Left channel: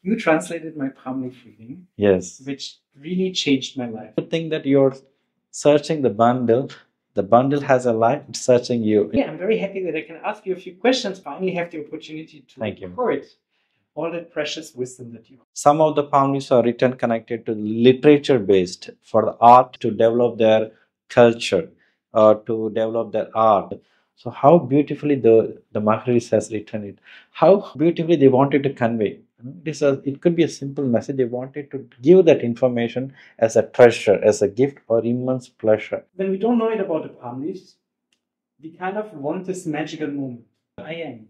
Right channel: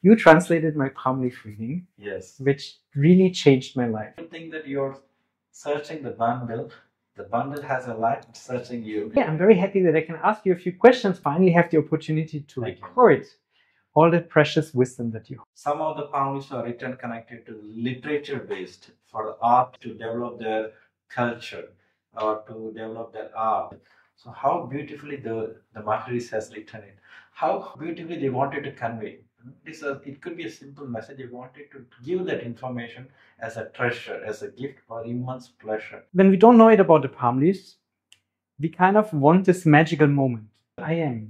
You translated my palm leaf reading, Yes. which really changed my life. You think that you're searching the bundle has a light, it's searching you. Yeah, I'm very happy that I can ask you a few questions. Finally, have the opportunity to Thank you. record all that precious wisdom that you hold. Some of the palm leaves are written connected to literature based for the art to develop their culture or to develop their art. So how beautifully the Maharis has written it, how beautifully they wanted to convey. It could be a simple message. They wanted to give that information as a treasure, as a gift or immense pleasure. When we don't know it about the palm leaves, we kind of want this magical moment. I am.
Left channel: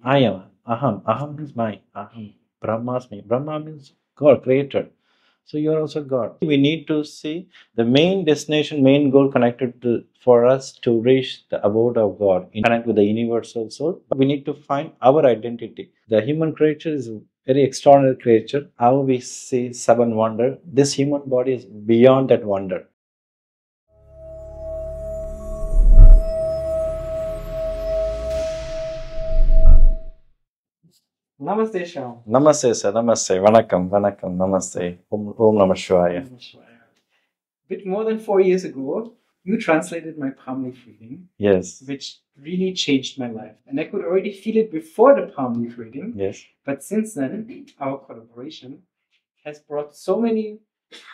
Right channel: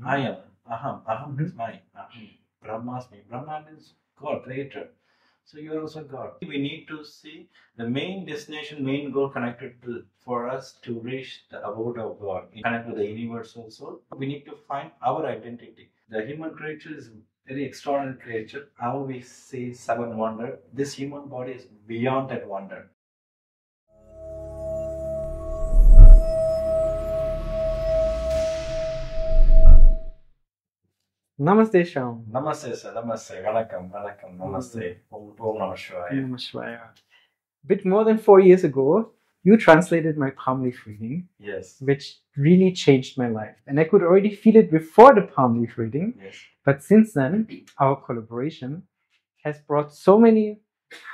Aham. Aham is mine. Aham. Brahma's me. Brahma means God, creator. So you're also God. We need to see the main destination, main goal connected to for us to reach the abode of God, connect with the universal soul. We need to find our identity. The human creature is a very extraordinary creature. How we see seven wonder, this human body is beyond that wonder. Namaste, Shyam. Namaste, sir. Namaste. Vanakkam. Vanakkam. Namaste. Om Namah Shivaya. Namah Shivaya. A bit more than 4 years ago, you translated my palm leaf reading. Yes. Which really changed my life. And I could already feel it before the palm leaf reading. Yes. But since then, our collaboration has brought so many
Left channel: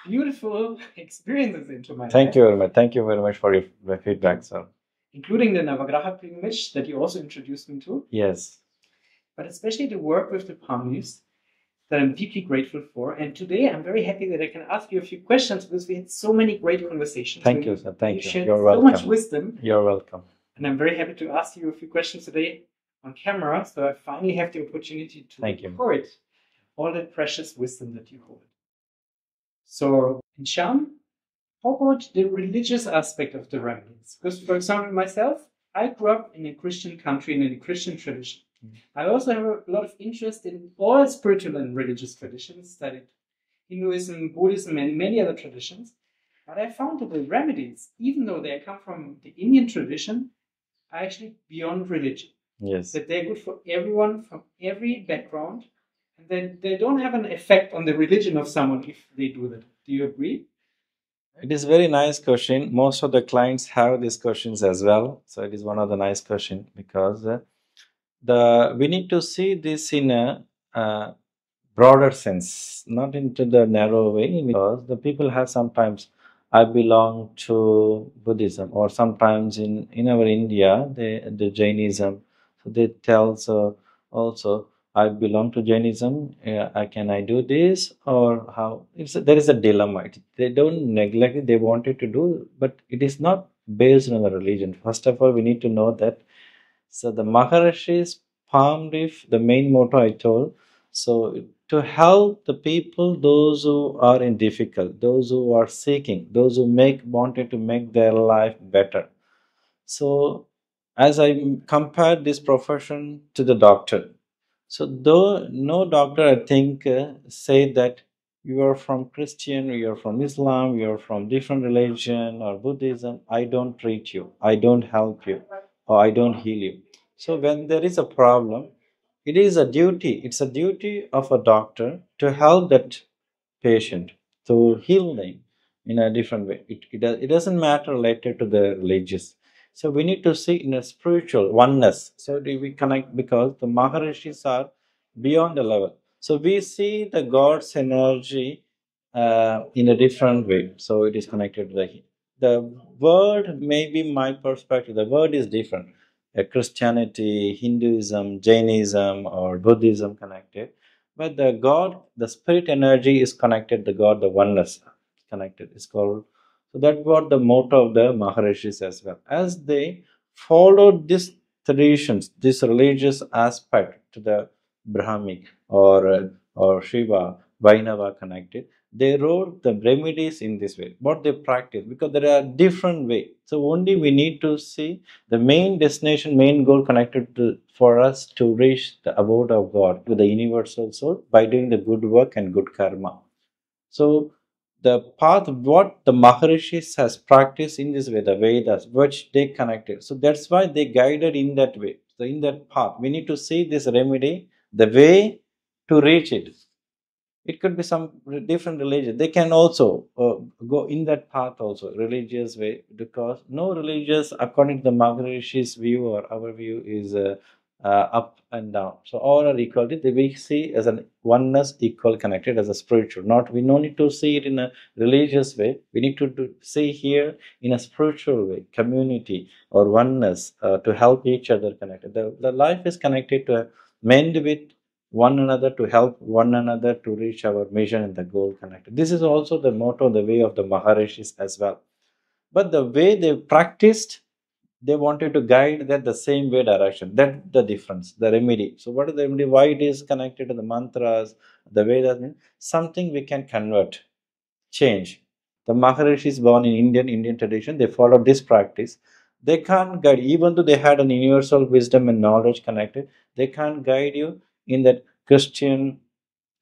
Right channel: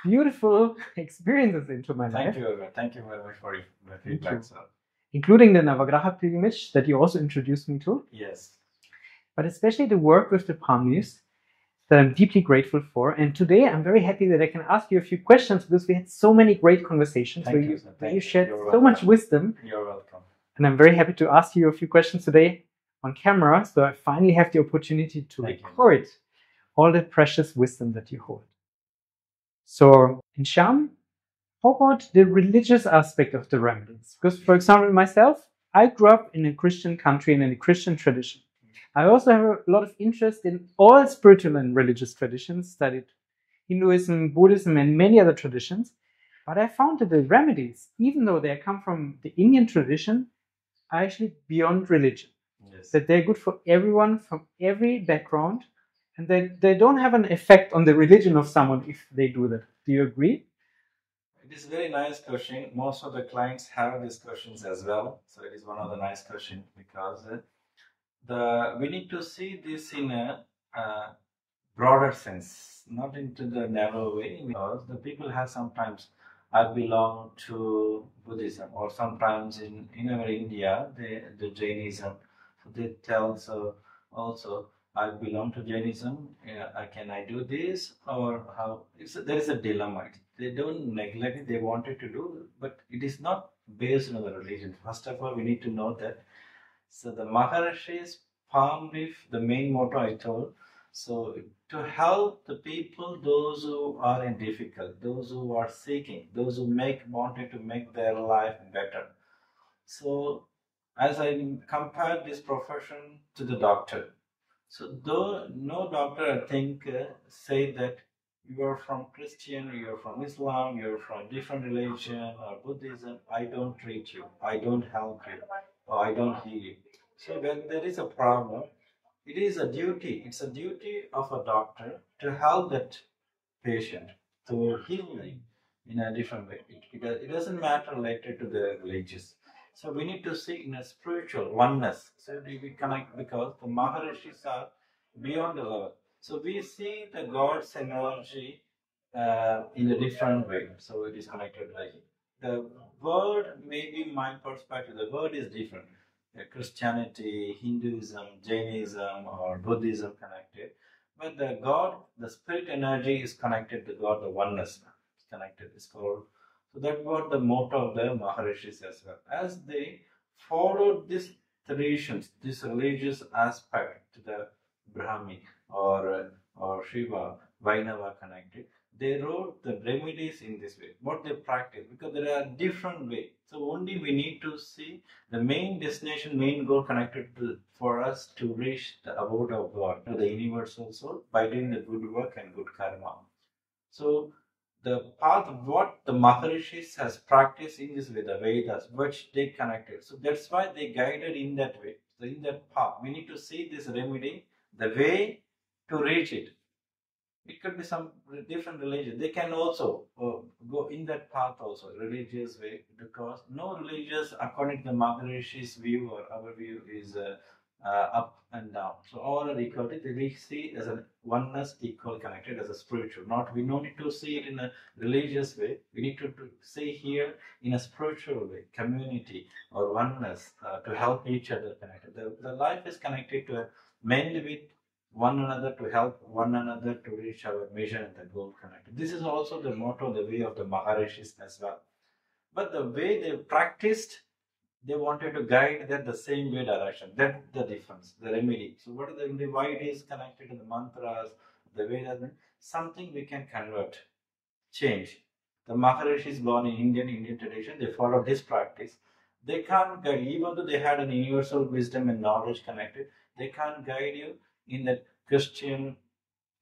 beautiful experiences into my life. Thank you very much. Thank you very much for your feedback, sir. Including the Navagraha pilgrimage that you also introduced me to. Yes. But especially the work with the palm leaves that I'm deeply grateful for. And today I'm very happy that I can ask you a few questions because we had so many great conversations. Thank you, sir. Thank you. You shared You're so welcome. much wisdom. You're welcome. And I'm very happy to ask you a few questions today on camera. So I finally have the opportunity to record all the precious wisdom that you hold. So, in Shyam, how about the religious aspect of the remedies? Because, for example, myself, I grew up in a Christian country and in a Christian tradition. I also have a lot of interest in all spiritual and religious traditions, studied Hinduism, Buddhism, and many other traditions. But I found that the remedies, even though they come from the Indian tradition, are actually beyond religion. Yes. That they're good for everyone from every background, and then they don't have an effect on the religion of someone if they do that. Do you agree? It is a very nice question. Most of the clients have these questions as well. So it is one of the nice questions because we need to see this in a broader sense, not into the narrow way, because the people have sometimes, I belong to Buddhism, or sometimes in our India, the Jainism, so they tell also, I belong to Jainism, can I do this, or how? There is a dilemma. They don't neglect it, they wanted to do, but it is not based on the religion. First of all, we need to know that, so the Maharishi's palm leaf, the main motto I told, so to help the people, those who are in difficult, those who are seeking, those who wanted to make their life better. So as I compare this profession to the doctor, so though no doctor, I think, say that you are from Christian, you are from Islam, you are from different religion or Buddhism, I don't treat you, I don't help you, or I don't heal you. So when there is a problem, it is a duty, it's a duty of a doctor to help that patient, to heal them in a different way. It doesn't matter related to the religious. So we need to see in a spiritual oneness. So do we connect, because the Maharishis are beyond the level. So we see the God's energy in a different way. So it is connected to the word, maybe my perspective, the word is different. Christianity, Hinduism, Jainism, or Buddhism connected. But the God, the spirit energy is connected, the God, the oneness is connected. It's called, so that's what the motto of the Maharishis as well. As they followed these traditions, this religious aspect to the Brahmic or Shiva, Vainava connected, they wrote the remedies in this way, what they practice, because there are different ways. So only we need to see the main destination, main goal connected to for us to reach the abode of God with the universal soul by doing the good work and good karma. So the path what the Maharishis has practiced in this way, the Vedas, which they connected. So that's why they guided in that way. So in that path, we need to see this remedy, the way to reach it. It could be some different religion. They can also go in that path also, religious way, because no religious, according to the Maharishi's view or our view, is up and down. So all are equal. We see as an oneness, equal, connected as a spiritual. Not we no need to see it in a religious way. We need to see here in a spiritual way, community or oneness, to help each other connected. The life is connected to mend with one another, to help one another to reach our mission and the goal connected. This is also the motto, the way of the Maharishis as well. But the way they practiced, they wanted to guide that the same way direction. That's the difference, the remedy. So what is the remedy? Why it is connected to the mantras, the Vedas means something we can convert, change. The Maharishis born in Indian tradition, they follow this practice. They can't guide, even though they had an universal wisdom and knowledge connected, they can't guide you in that Christian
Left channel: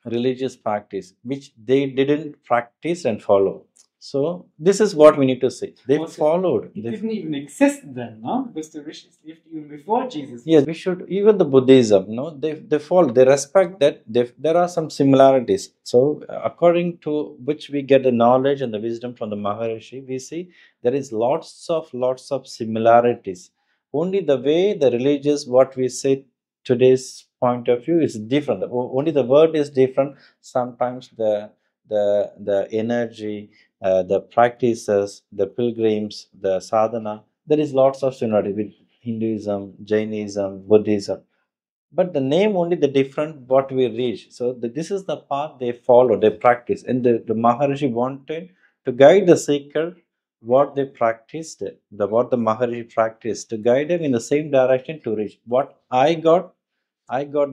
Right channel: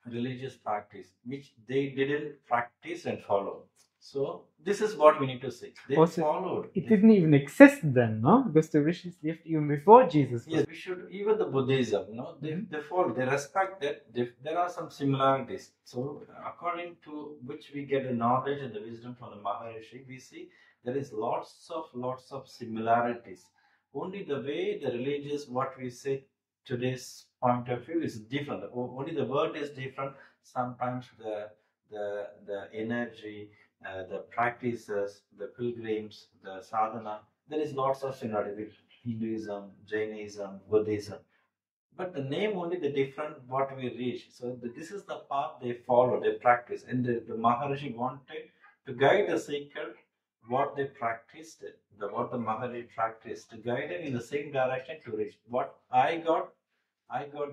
religious practice, which they didn't practice and follow. So this is what we need to see. They followed. It didn't even exist then, no? Because the Rishis lived even before Jesus. Yes, we should, even the Buddhism, no, they follow, they respect that there are some similarities. So according to which we get the knowledge and the wisdom from the Maharishi, we see there is lots of similarities. Only the way the religious, what we say today's point of view is different. Only the word is different. Sometimes the energy, the practices, the pilgrims, the sadhana, there is lots of similarity with Hinduism, Jainism, Buddhism. But the name only the different what we reach. So this is the path they follow, they practice. And the Maharishi wanted to guide the seeker what they practiced, what the Maharishi practiced, to guide them in the same direction to reach. What I got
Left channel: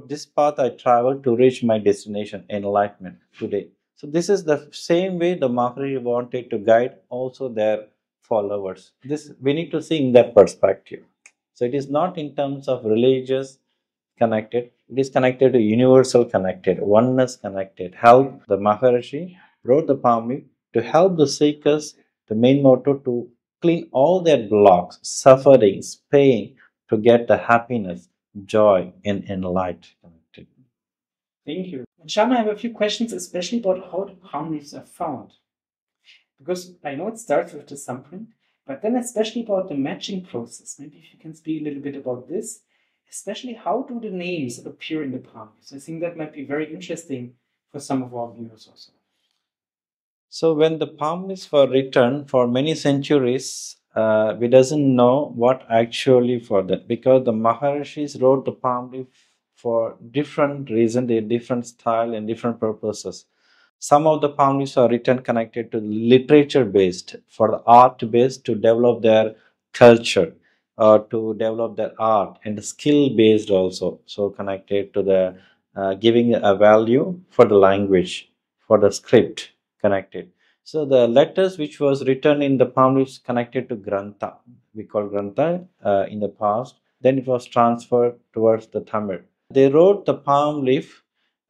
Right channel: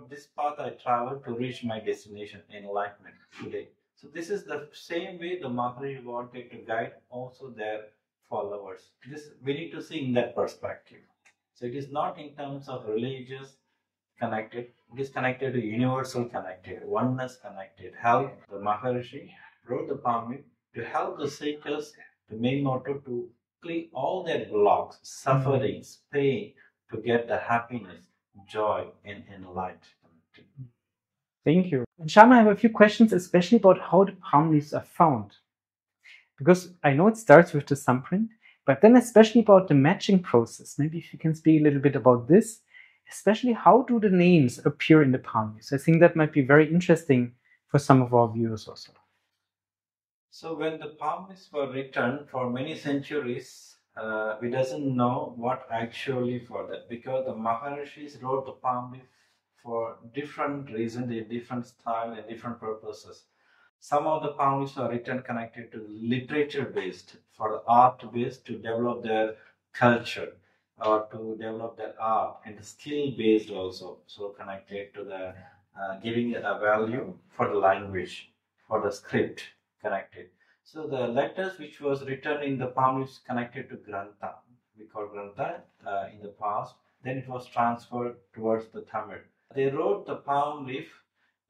this path I traveled to reach my destination, enlightenment today. So this is the same way the Maharishi wanted to guide also their followers. This we need to see in that perspective. So it is not in terms of religious connected, it is connected to universal connected, oneness connected. Help the Maharishi wrote the palm leaf to help the seekers, the main motto to clean all their blocks, sufferings, pain, to get the happiness, joy, and enlightenment. Thank you. Shyam, I have a few questions, especially about how the palm leaves are found. Because I know it starts with the thumbprint, but then especially about the matching process. Maybe if you can speak a little bit about this, especially how do the names appear in the palm leaves? I think that might be very interesting for some of our viewers also. So when the palm leaves were written for many centuries, we doesn't know what actually for that, because the Maharishis wrote the palm leaf for different reasons, a different style and different purposes. Some of the palm leaves are written connected to literature based, for the art based, to develop their culture or to develop their art, and skill based also, so connected to the giving a value for the language, for the script connected. So the letters which was written in the palm leaves connected to Grantha, we call Grantha in the past, then it was transferred towards the Tamil. They wrote the palm leaf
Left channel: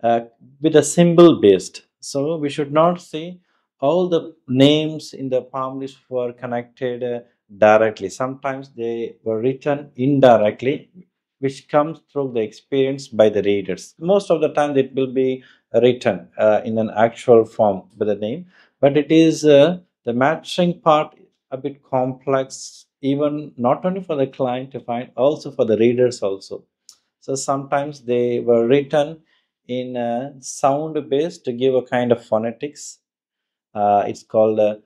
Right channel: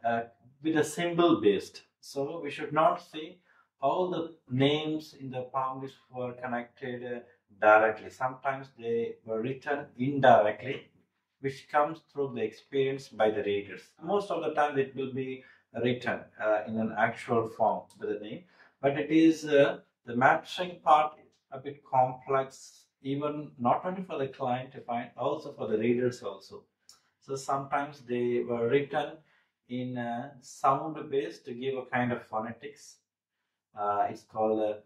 with a symbol based. So we should not see all the names in the palm leaves were connected directly. Sometimes they were written indirectly, which comes through the experience by the readers. Most of the time it will be written in an actual form by the name, but it is the matching part a bit complex, even not only for the client to find, also for the readers also. So sometimes they were written in sound based to give a kind of phonetics. It's called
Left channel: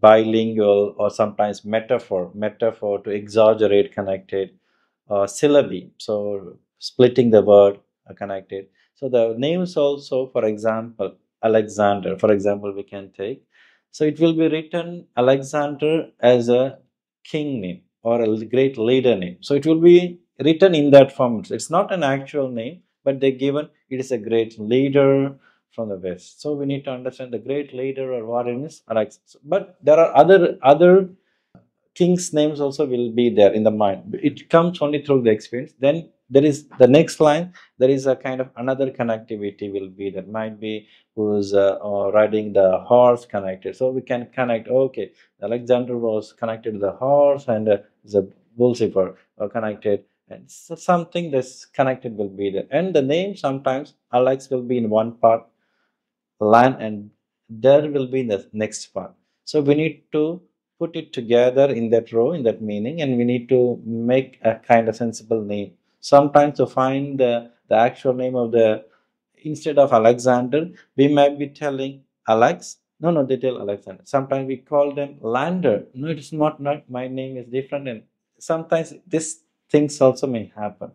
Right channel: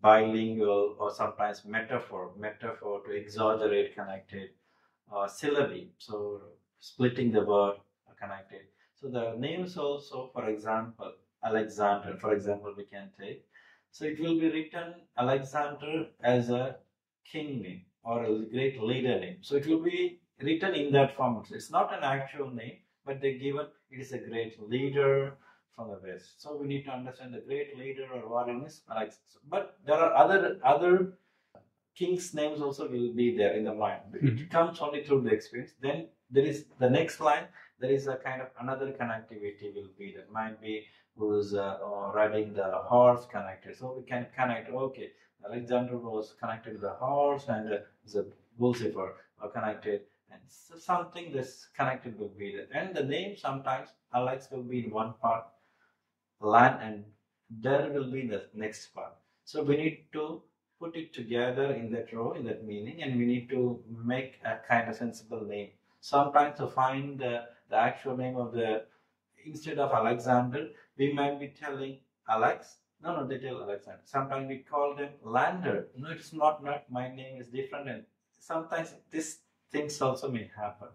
bilingual, or sometimes metaphor to exaggerate connected, syllabi, so splitting the word connected. So the names also, for example, Alexander, for example, we can take. So it will be written Alexander as a king name or a great leader name. So it will be written in that form. It's not an actual name, but they given it is a great leader from the West. So we need to understand the great leader or warrior is Alexander. But there are other kings' names also will be there in the mind. It comes only through the experience. Then there is the next line. There is a kind of another connectivity will be that might be who's riding the horse connected. So we can connect. Alexander was connected to the horse, and the Lucifer connected and so something that's connected will be there. And the name sometimes Alex will be in one part, land, and there will be in the next part. So we need to put it together in that row, in that meaning, and we need to make a kind of sensible name. Sometimes to find the actual name of the, instead of Alexander, we might be telling Alex. No, no, they tell Alexander. Sometimes we call them Lander. No, it is not. My name is different. And sometimes these things also may happen.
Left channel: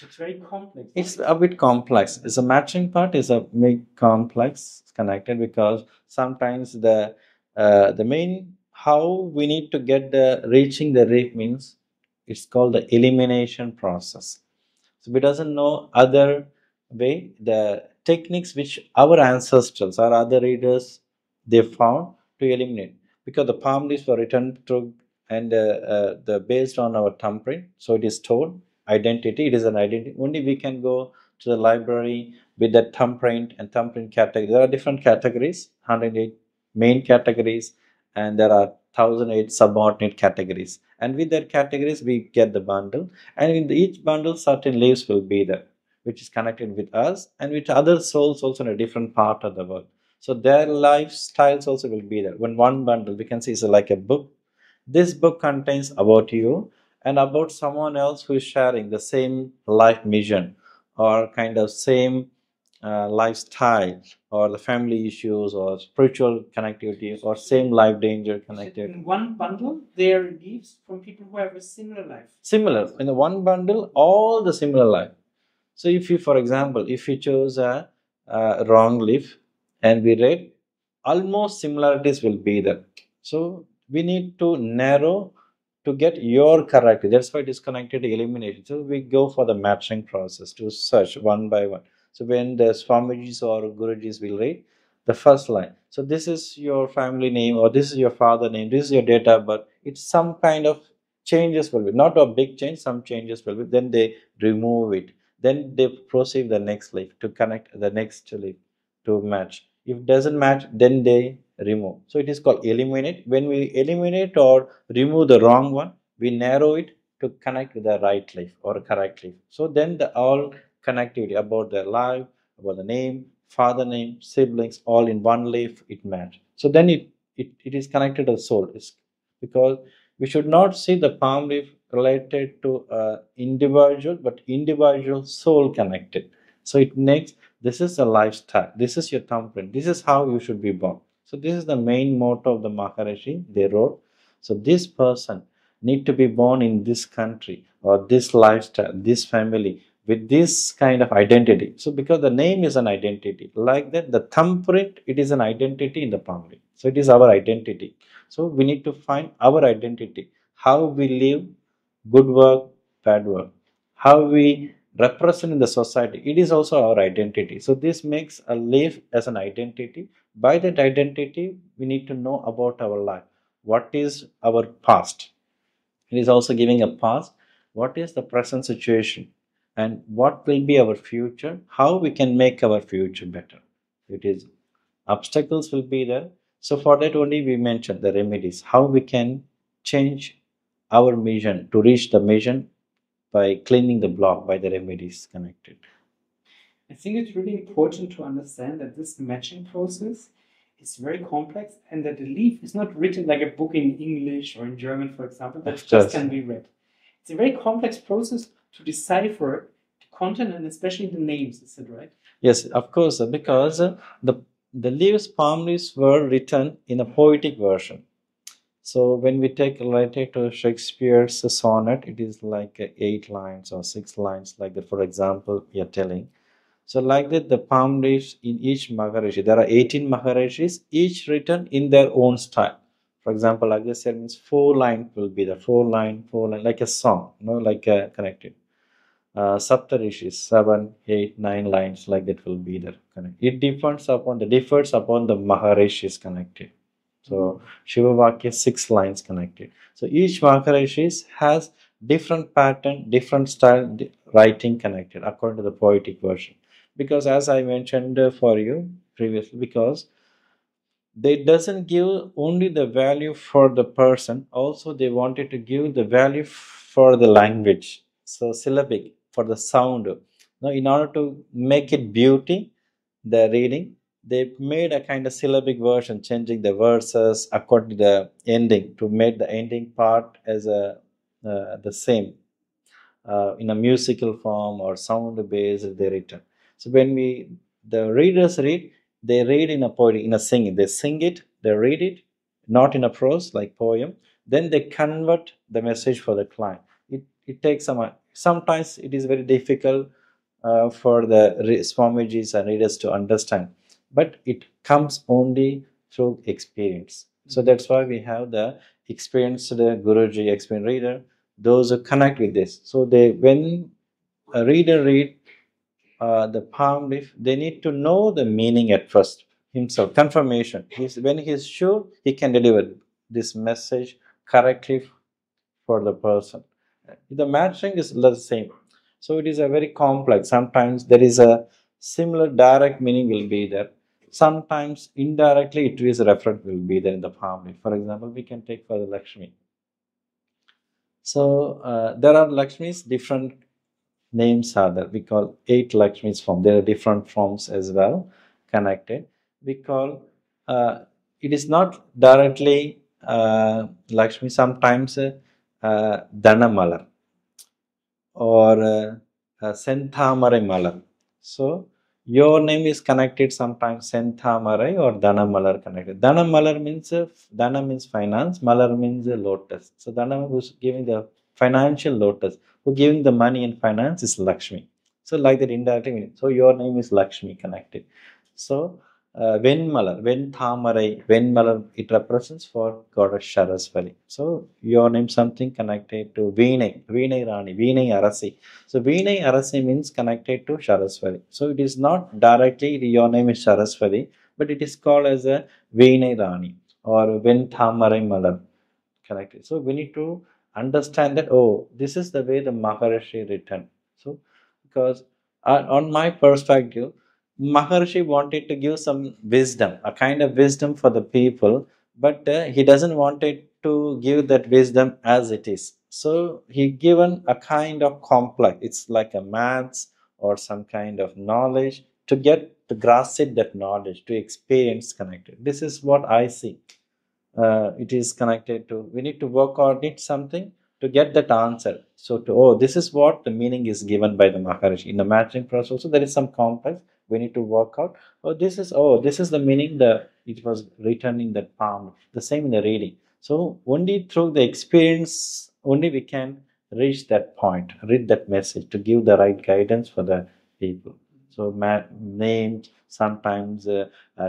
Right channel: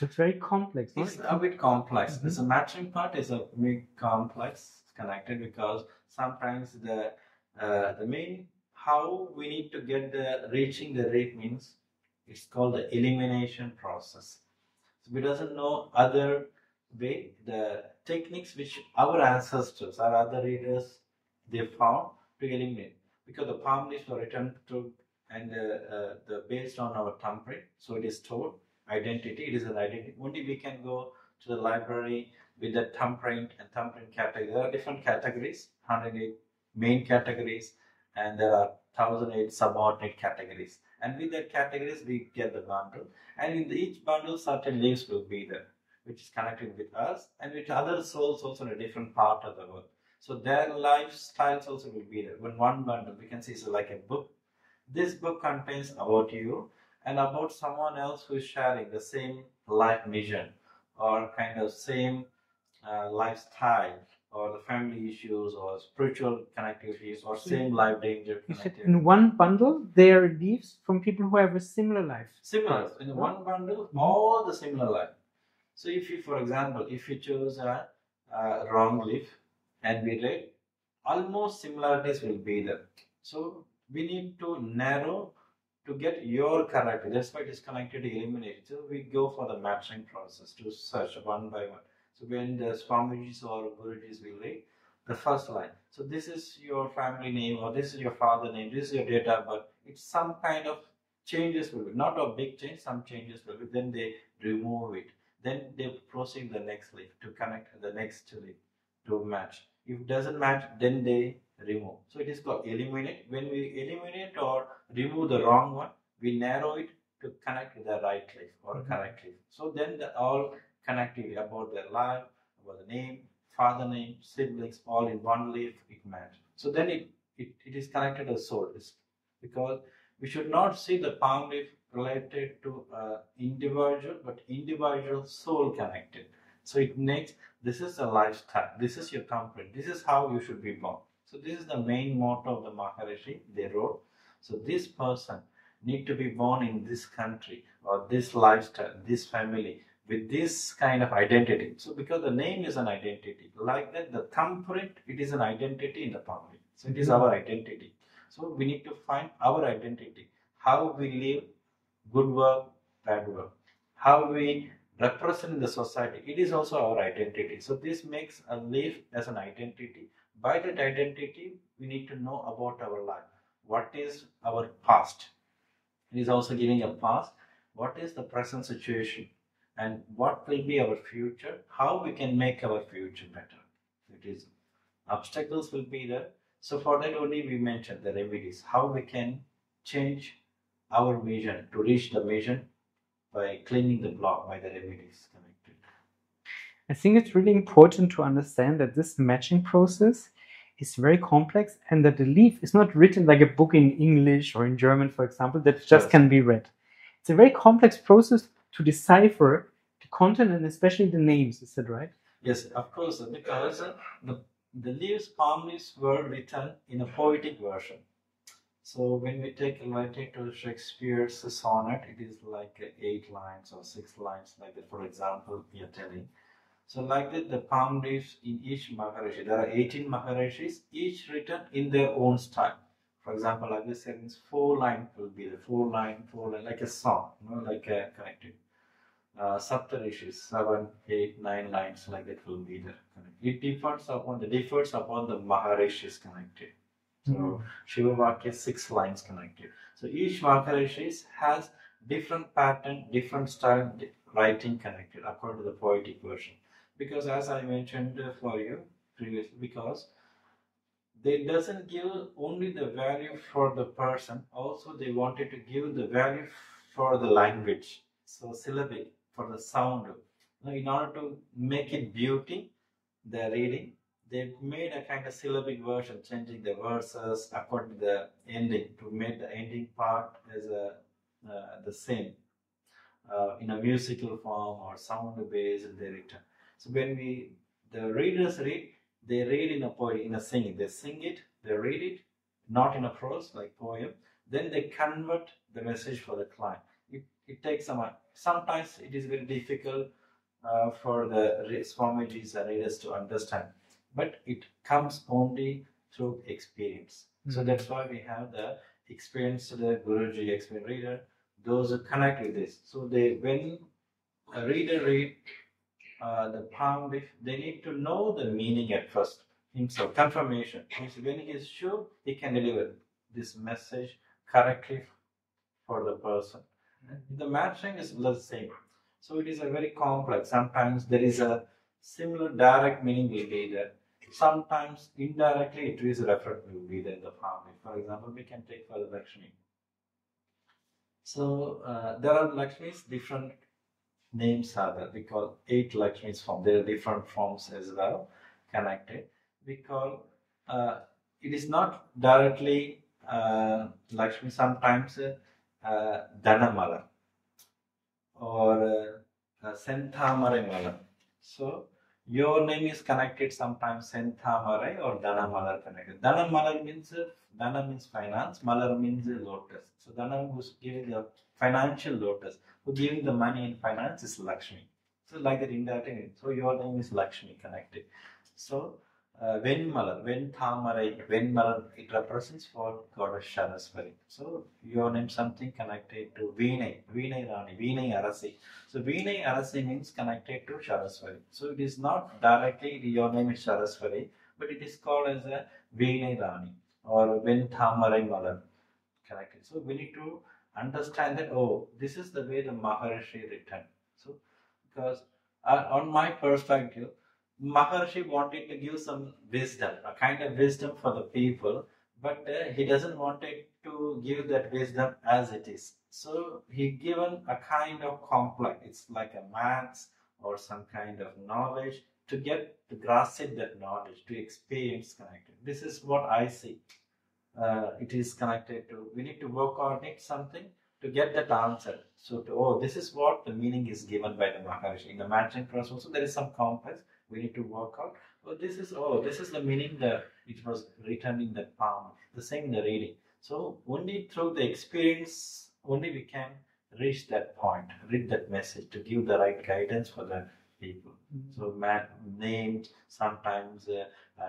It's very complex. It's a bit complex. The matching part is a bit complex, connected, because sometimes the main how we need to get the reaching the reef means it's called the elimination process. So we doesn't know other way, the techniques which our ancestors or other readers they found to eliminate, because the palm leaves were written through and the based on our thumbprint, so it is told identity. It is an identity. Only we can go to the library with that thumbprint and thumbprint category. There are different categories, 108 main categories, and there are 1008 subordinate categories. And with that categories, we get the bundle. And in each bundle, certain leaves will be there, which is connected with us and with other souls also in a different part of the world. So their lifestyles also will be there. When one bundle, we can see, is like a book. This book contains about you and about someone else who is sharing the same life mission or kind of same lifestyle or the family issues or spiritual connectivity or same life danger connectivity. In one bundle, there are leaves from people who have a similar life. Similar. In the one bundle, all the similar life. So if you, for example, if you chose a wrong leaf and we read, almost similarities will be there. So we need to narrow to get your character. That's why disconnected elimination. So we go for the matching process to search one by one. So when the Swamijis or Gurujis will read the first line, so this is your family name or this is your father name, this is your date of birth. It's some kind of changes will be, not a big change, some changes will be. Then they remove it. Then they proceed the next leaf to connect the next leaf to match. If doesn't match, then they remove. So it is called eliminate. When we eliminate or remove the wrong one, we narrow it to connect with the right leaf or correct leaf. So then the all connectivity about their life, about the name, father name, siblings, all in one leaf, it match. So then it is connected to the soul. It's because we should not see the palm leaf related to individual, but individual soul connected. So it makes, this is a lifestyle, this is your thumbprint, this is how you should be born. So this is the main motto of the Maharishi they wrote. So this person need to be born in this country or this lifestyle, this family, with this kind of identity. So because the name is an identity, like that the thumbprint, it is an identity in the palm leaf. So it is our identity. So we need to find our identity, how we live, good work, bad work, how we represent in the society. It is also our identity. So this makes a leaf as an identity. By that identity, we need to know about our life. What is our past? It is also giving a past. What is the present situation? And what will be our future? How we can make our future better? It is obstacles will be there. So for that only we mentioned the remedies. How we can change our mission to reach the mission by cleaning the block by the remedies connected. I think it's really important to understand that this matching process is very complex and that the leaf is not written like a book in English or in German, for example, that just can be read. It's a very complex process to decipher the content and especially the names. Is that right? Yes, of course, because the leaves, palm leaves were written in a poetic version. So when we take related to Shakespeare's sonnet, it is like 8 lines or 6 lines, like that, for example, we are telling. So like that, the palm leaves in each Maharishi, there are 18 Maharishis, each written in their own style. For example, like this means 4 line will be the 4 line, like a song, like a connected. Sapta Rishis, 7, 8, 9 lines, like that will be there. It differs upon the Maharishis connected. So Shiva Vakya 6 lines connected. So each Maharishi has different pattern, different style writing connected according to the poetic version. Because as I mentioned for you previously, because they doesn't give only the value for the person, also they wanted to give the value for the language. so syllabic for the sound. Now, in order to make it beauty, the reading, they made a kind of syllabic version, changing the verses according to the ending to make the ending part as a the same in a musical form or sound based they written. So when the readers read, they read in a poetry, in a singing. They sing it, they read it, not in a prose like poem. Then they convert the message for the client. It takes some. Sometimes it is very difficult for the Swamijis and readers to understand, but it comes only through experience. So that's why we have the experienced Guruji, experienced reader, those who connect with this. So when a reader read the palm leaf, they need to know the meaning at first himself, confirmation. When he is sure, he can deliver this message correctly for the person. The matching is the same. So it is a very complex. Sometimes there is a similar direct meaning will be there. Sometimes indirectly it is referred will be there in the palm leaf. For example, we can take for the Lakshmi. So there are Lakshmis, different names are there. We call 8 Lakshmis form. There are different forms as well connected. We call it is not directly Lakshmi. Sometimes Dhanamalar or Senthamarai Malar. So your name is connected sometimes Senthamarai or Dhanamalar connected. Dhanamalar means Dhana means finance, Malar means lotus. So Dhana who's giving the financial lotus, who giving the money and finance is Lakshmi. So like that indirectly. So your name is Lakshmi connected. So Venmalar, Venthamarai, Venmalar, it represents for goddess Saraswati. So your name something connected to Vinay, Vinay Rani, Vinay Arasi. So Vinay Arasi means connected to Saraswati. So it is not directly your name is Saraswati, but it is called as a Vinay Rani or Venthamarai Malar connected. So we need to understand that, oh, this is the way the Maharishi written. So because on my perspective, Maharishi wanted to give some wisdom, a kind of wisdom for the people, but he doesn't want it to give that wisdom as it is. So he given a kind of complex. It's like a maths or some kind of knowledge to get to grasp it, that knowledge, to experience connected. This is what I see. It is connected to. We need to work on it something to get that answer. So this is what the meaning is given by the Maharishi in the matching process. Also, there is some complex. We need to work out. This is the meaning that it was written in that palm. The same in the reading. So only through the experience, only we can reach that point, read that message to give the right guidance for the people. So names, sometimes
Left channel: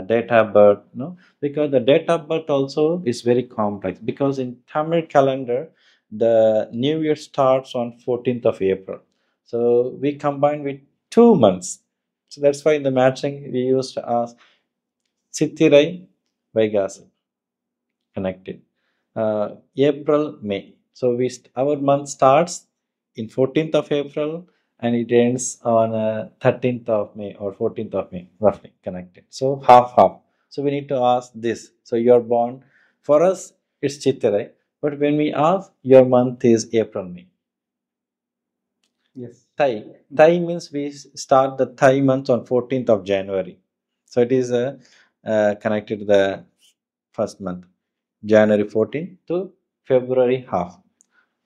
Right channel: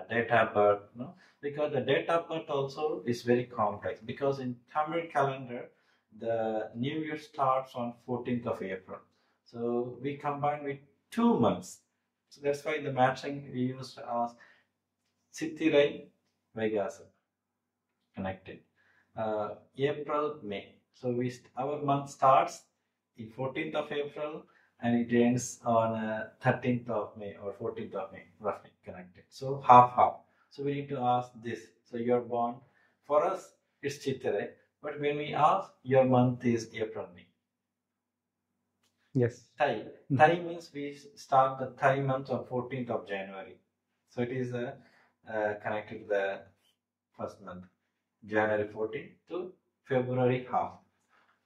date of birth, no, because the date of birth also is very complex. Because in Tamil calendar, the New Year starts on 14th of April. So we combine with 2 months. So that's why in the matching we used to ask Chittirai Vaigasa connected. April, May. So our month starts in 14th of April and it ends on 13th of May or 14th of May, roughly connected. So half. So we need to ask this. So you're born, for us it's Chittirai, but when we ask, your month is April, May. Yes. Thai. Thai means we start the Thai month on 14th of January. So it is connected to the first month, January 14th to February half.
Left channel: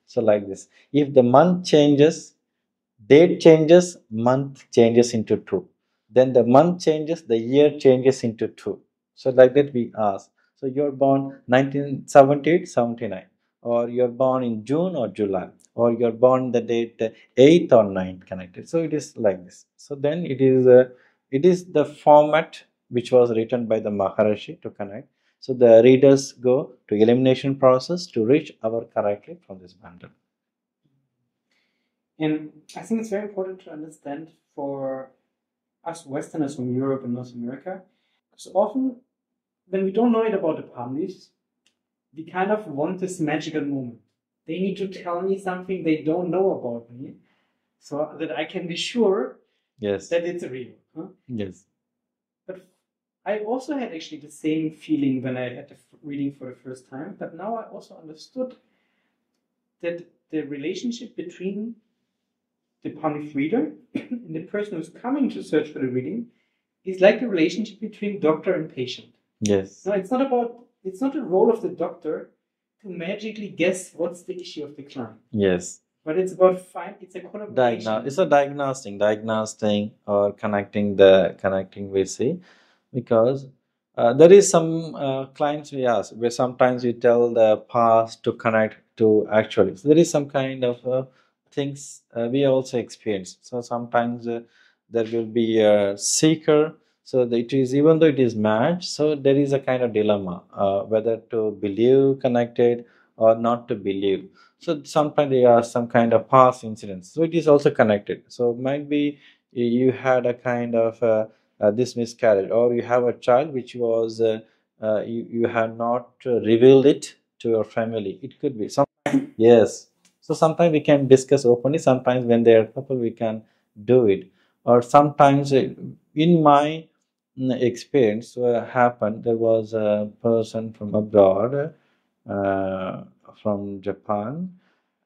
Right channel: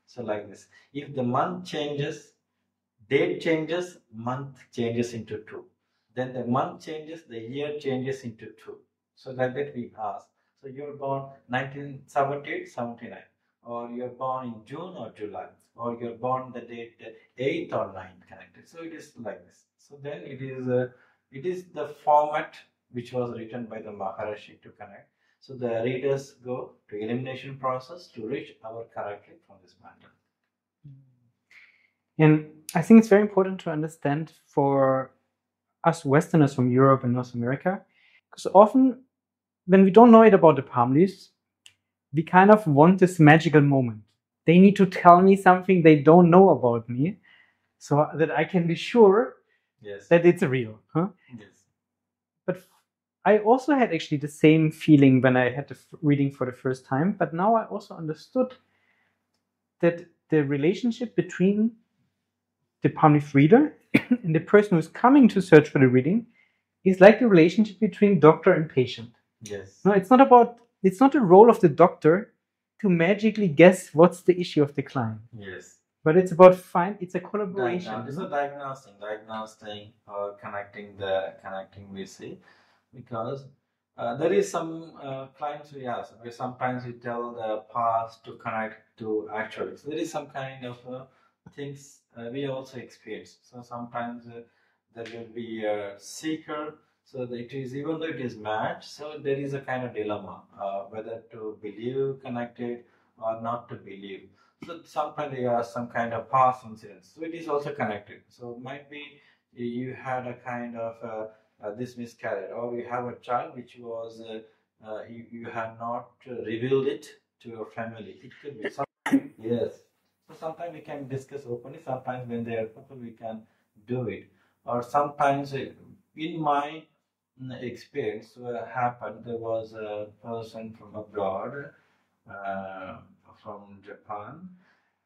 So like this. If the month changes, date changes, month changes into 2. Then the month changes, the year changes into 2. So like that we ask. So you're born 1978, 79, or you're born in June or July, or you're born the date 8th or 9th connected. So it is like this. So then it is the format which was written by the Maharishi to connect. So the readers go to elimination process to reach our correctly from this bundle. And I think it's very important to understand for us Westerners from Europe and North America, because often when we don't know it about the palm leaves, we kind of want this magical moment. They need to tell me something they don't know about me so that I can be sure that it's real. Huh? Yes. But I also had actually the same feeling when I had the reading for the first time, but now I also understood that the relationship between the palm leaf reader and the person who's coming to search for the reading is like the relationship between doctor and patient. Yes. No, it's not the role of the doctor to magically guess what's the issue of the client. Yes. But it's about it's a collaboration. It's a diagnosing or connecting we see, because there is some clients we ask where sometimes we tell the past to connect to actually. So there is some kind of things we also experience. So sometimes there will be a seeker. So it is, even though it is matched, so there is a kind of dilemma whether to believe connected or not to believe. So sometimes there are some kind of past incidents. So it is also connected. So might be you had a kind of this miscarriage, or you have a child which was you have not revealed it to your family. It could be some. Yes. So sometimes we can discuss openly. Sometimes when they are couple, we can do it. Or sometimes in my experience happened, there was a person from abroad, from Japan,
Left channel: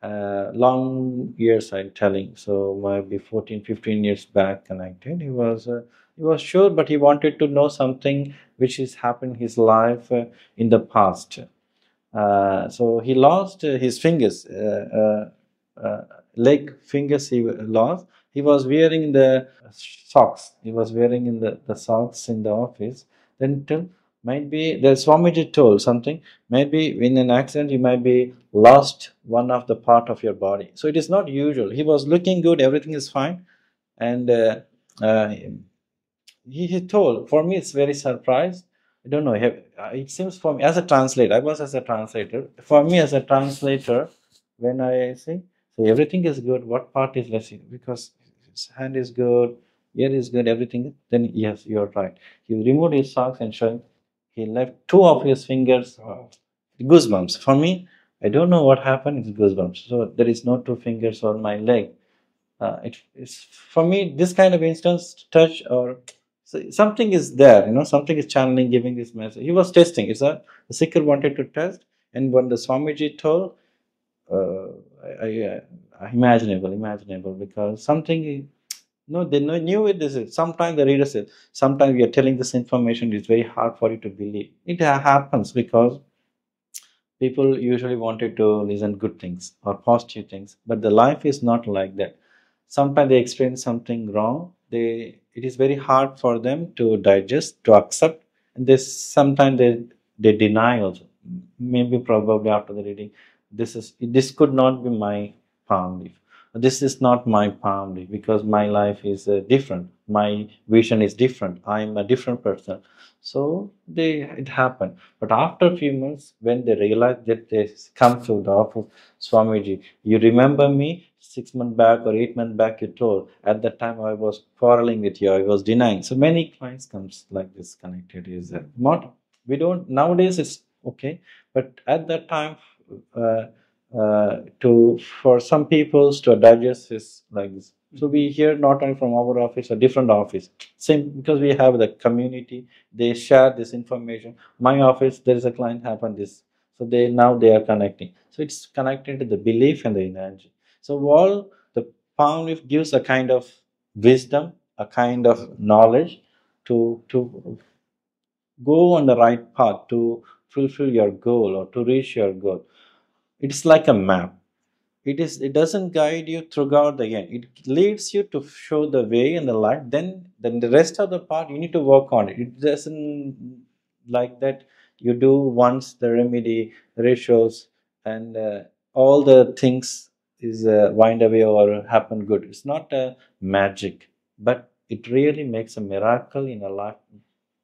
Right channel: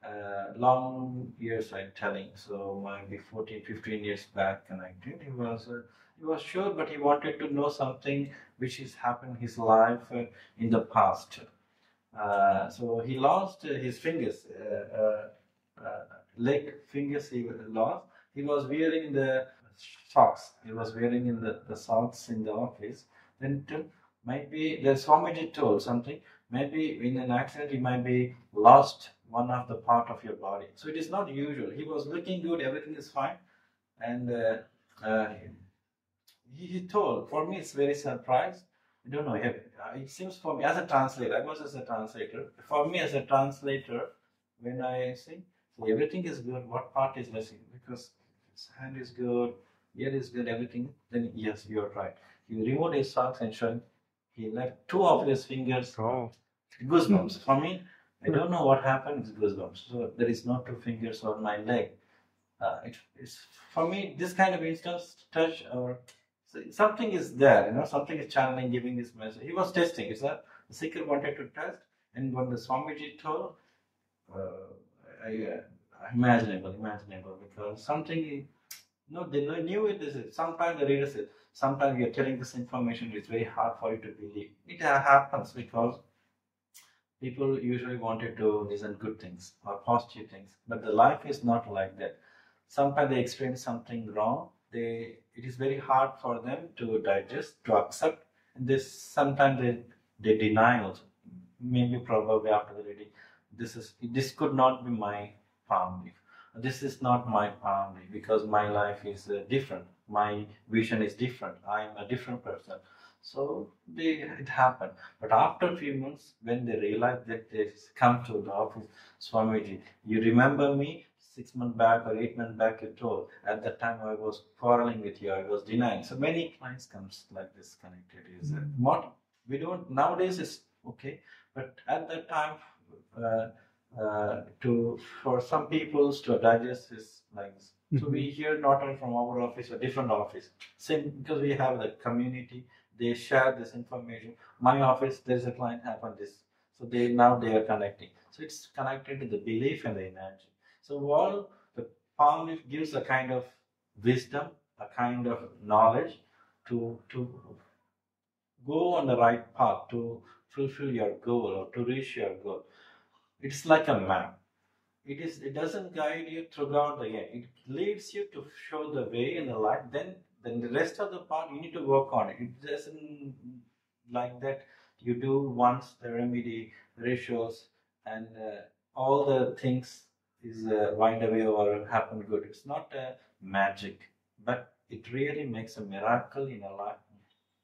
long years I'm telling, so maybe 14-15 years back connected. He was sure, but he wanted to know something which has happened in his life in the past. So he lost his fingers, leg fingers he lost. He was wearing the socks. He was wearing in the socks in the office. Then till might be the Swamiji told something. Maybe in an accident you might be lost one of the part of your body. So it is not usual. He was looking good. Everything is fine, and he told. For me, it's very surprised. I don't know. It seems for me as a translator. I was as a translator. For me as a translator, when I say, so everything is good, what part is missing? Because his hand is good, ear is good, everything. Then yes, you're right. He removed his socks and showed. He left two of his fingers. Oh. Goosebumps. For me, I don't know what happened. It's goosebumps. So there is no two fingers on my leg. It's for me this kind of instance touch or so something is there, something is channeling, giving this message. He was testing. The seeker wanted to test, and when the Swamiji told, imaginable, because something. No, they knew it. This is sometimes the reader says. Sometimes we are telling this information. It's very hard for you to believe. It happens because people usually wanted to listen good things or positive things, but the life is not like that. Sometimes they experience something wrong. It is very hard for them to digest, to accept, and sometimes they deny also. Maybe probably after the reading, this could not be my palm leaf. This is not my palm leaf because my life is different. My vision is different. I am a different person. So it happened. But after a few months, when they realized that they come to the office, Swamiji, you remember me 6 months back or 8 months back? You told at that time I was quarreling with you. I was denying. So many clients comes like this connected. Is not we don't nowadays. It's okay, but at that time, for some people to digest is like this. So we hear not only from our office, a different office. Same because we have the community. They share this information. My office, there is a client happened this. So they are connecting. So it's connected to the belief and the energy. So all the palm leaf gives a kind of wisdom, a kind of knowledge to go on the right path, to fulfill your goal or to reach your goal. It's like a map. It doesn't guide you throughout the end. It leads you to show the way and the light. Then the rest of the part you need to work on it. It doesn't like that you do once the remedy, rituals, and all the things is wind away or happen good. It's not a magic, but it really makes a miracle in a life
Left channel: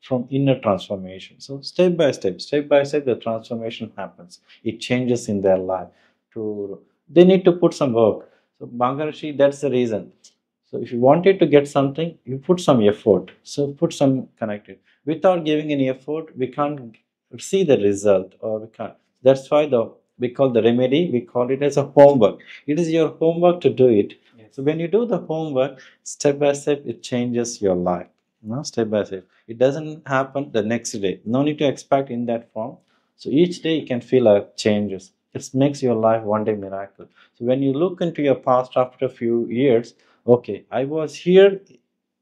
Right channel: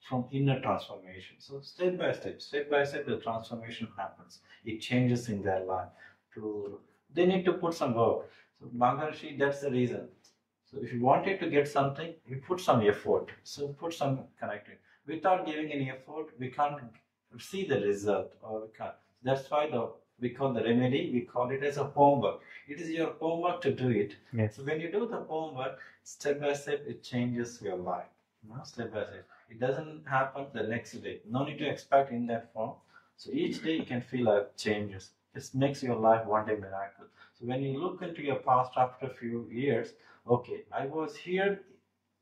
from inner transformation. So step by step, the transformation happens. It changes in their life. They need to put some work. So Maharishi, that's the reason. So if you wanted to get something, you put some effort. So put some connected. Without giving any effort, we can't see the result, or we can't. That's why we call the remedy, we call it as a homework. It is your homework to do it. Yes. So when you do the homework, step by step, it changes your life. Step by step. It doesn't happen the next day. No need to expect in that form. So each day you can feel changes. it makes your life one day miracle. So when you look into your past after a few years, okay, I was here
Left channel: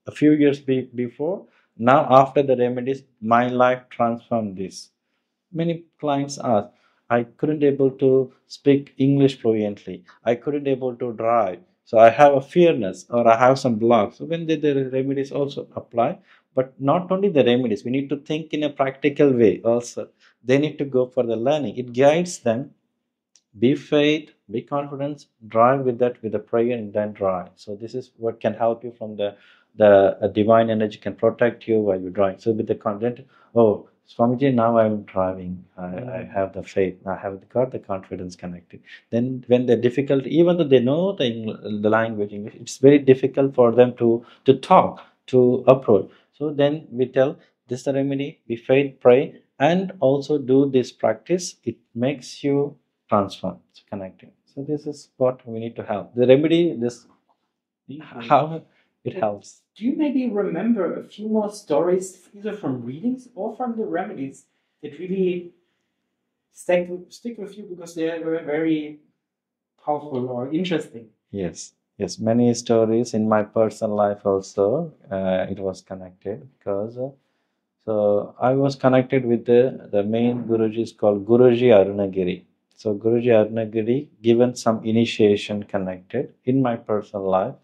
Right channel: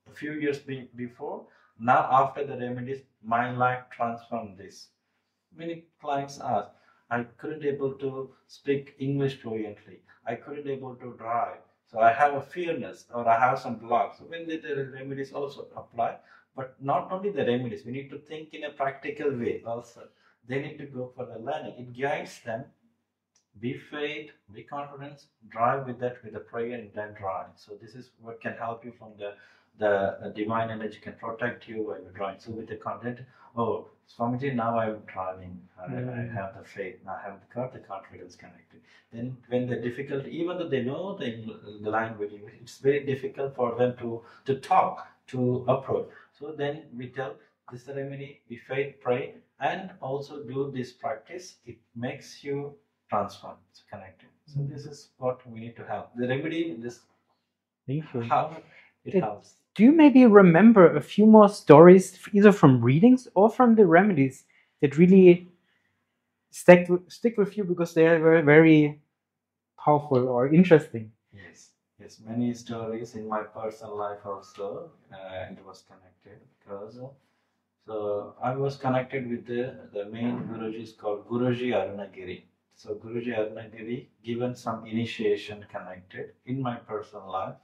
a few years before. Now after the remedies, my life transformed this. Many clients ask, I couldn't able to speak English fluently. I couldn't able to drive. So I have a fearness or I have some blocks. So when the remedies also apply, but not only the remedies, we need to think in a practical way also. They need to go for the learning. It guides them. Be faith, be confidence, drive with that with the prayer and then drive. So this is what can help you from the divine energy can protect you while you drive. So with the content, oh Swamiji, now I'm driving. I have the faith. I have got the confidence connected. Then when the difficulty, even though they know the language English, it's very difficult for them to talk, to approach. So then we tell this is the remedy. Be faith, pray, and also do this practice. It makes you transform, it's connected. So this is what we need to have. The remedy, this how it helps. Do you maybe remember a few more stories, either from readings or from the remedies, that really stick with you because they are very, very powerful or interesting? Yes, yes, many stories in my personal life also. It was connected because so I was connected with the main Guruji is called Guruji Arunagiri. So Guruji Arunagiri given some initiation connected in my personal life.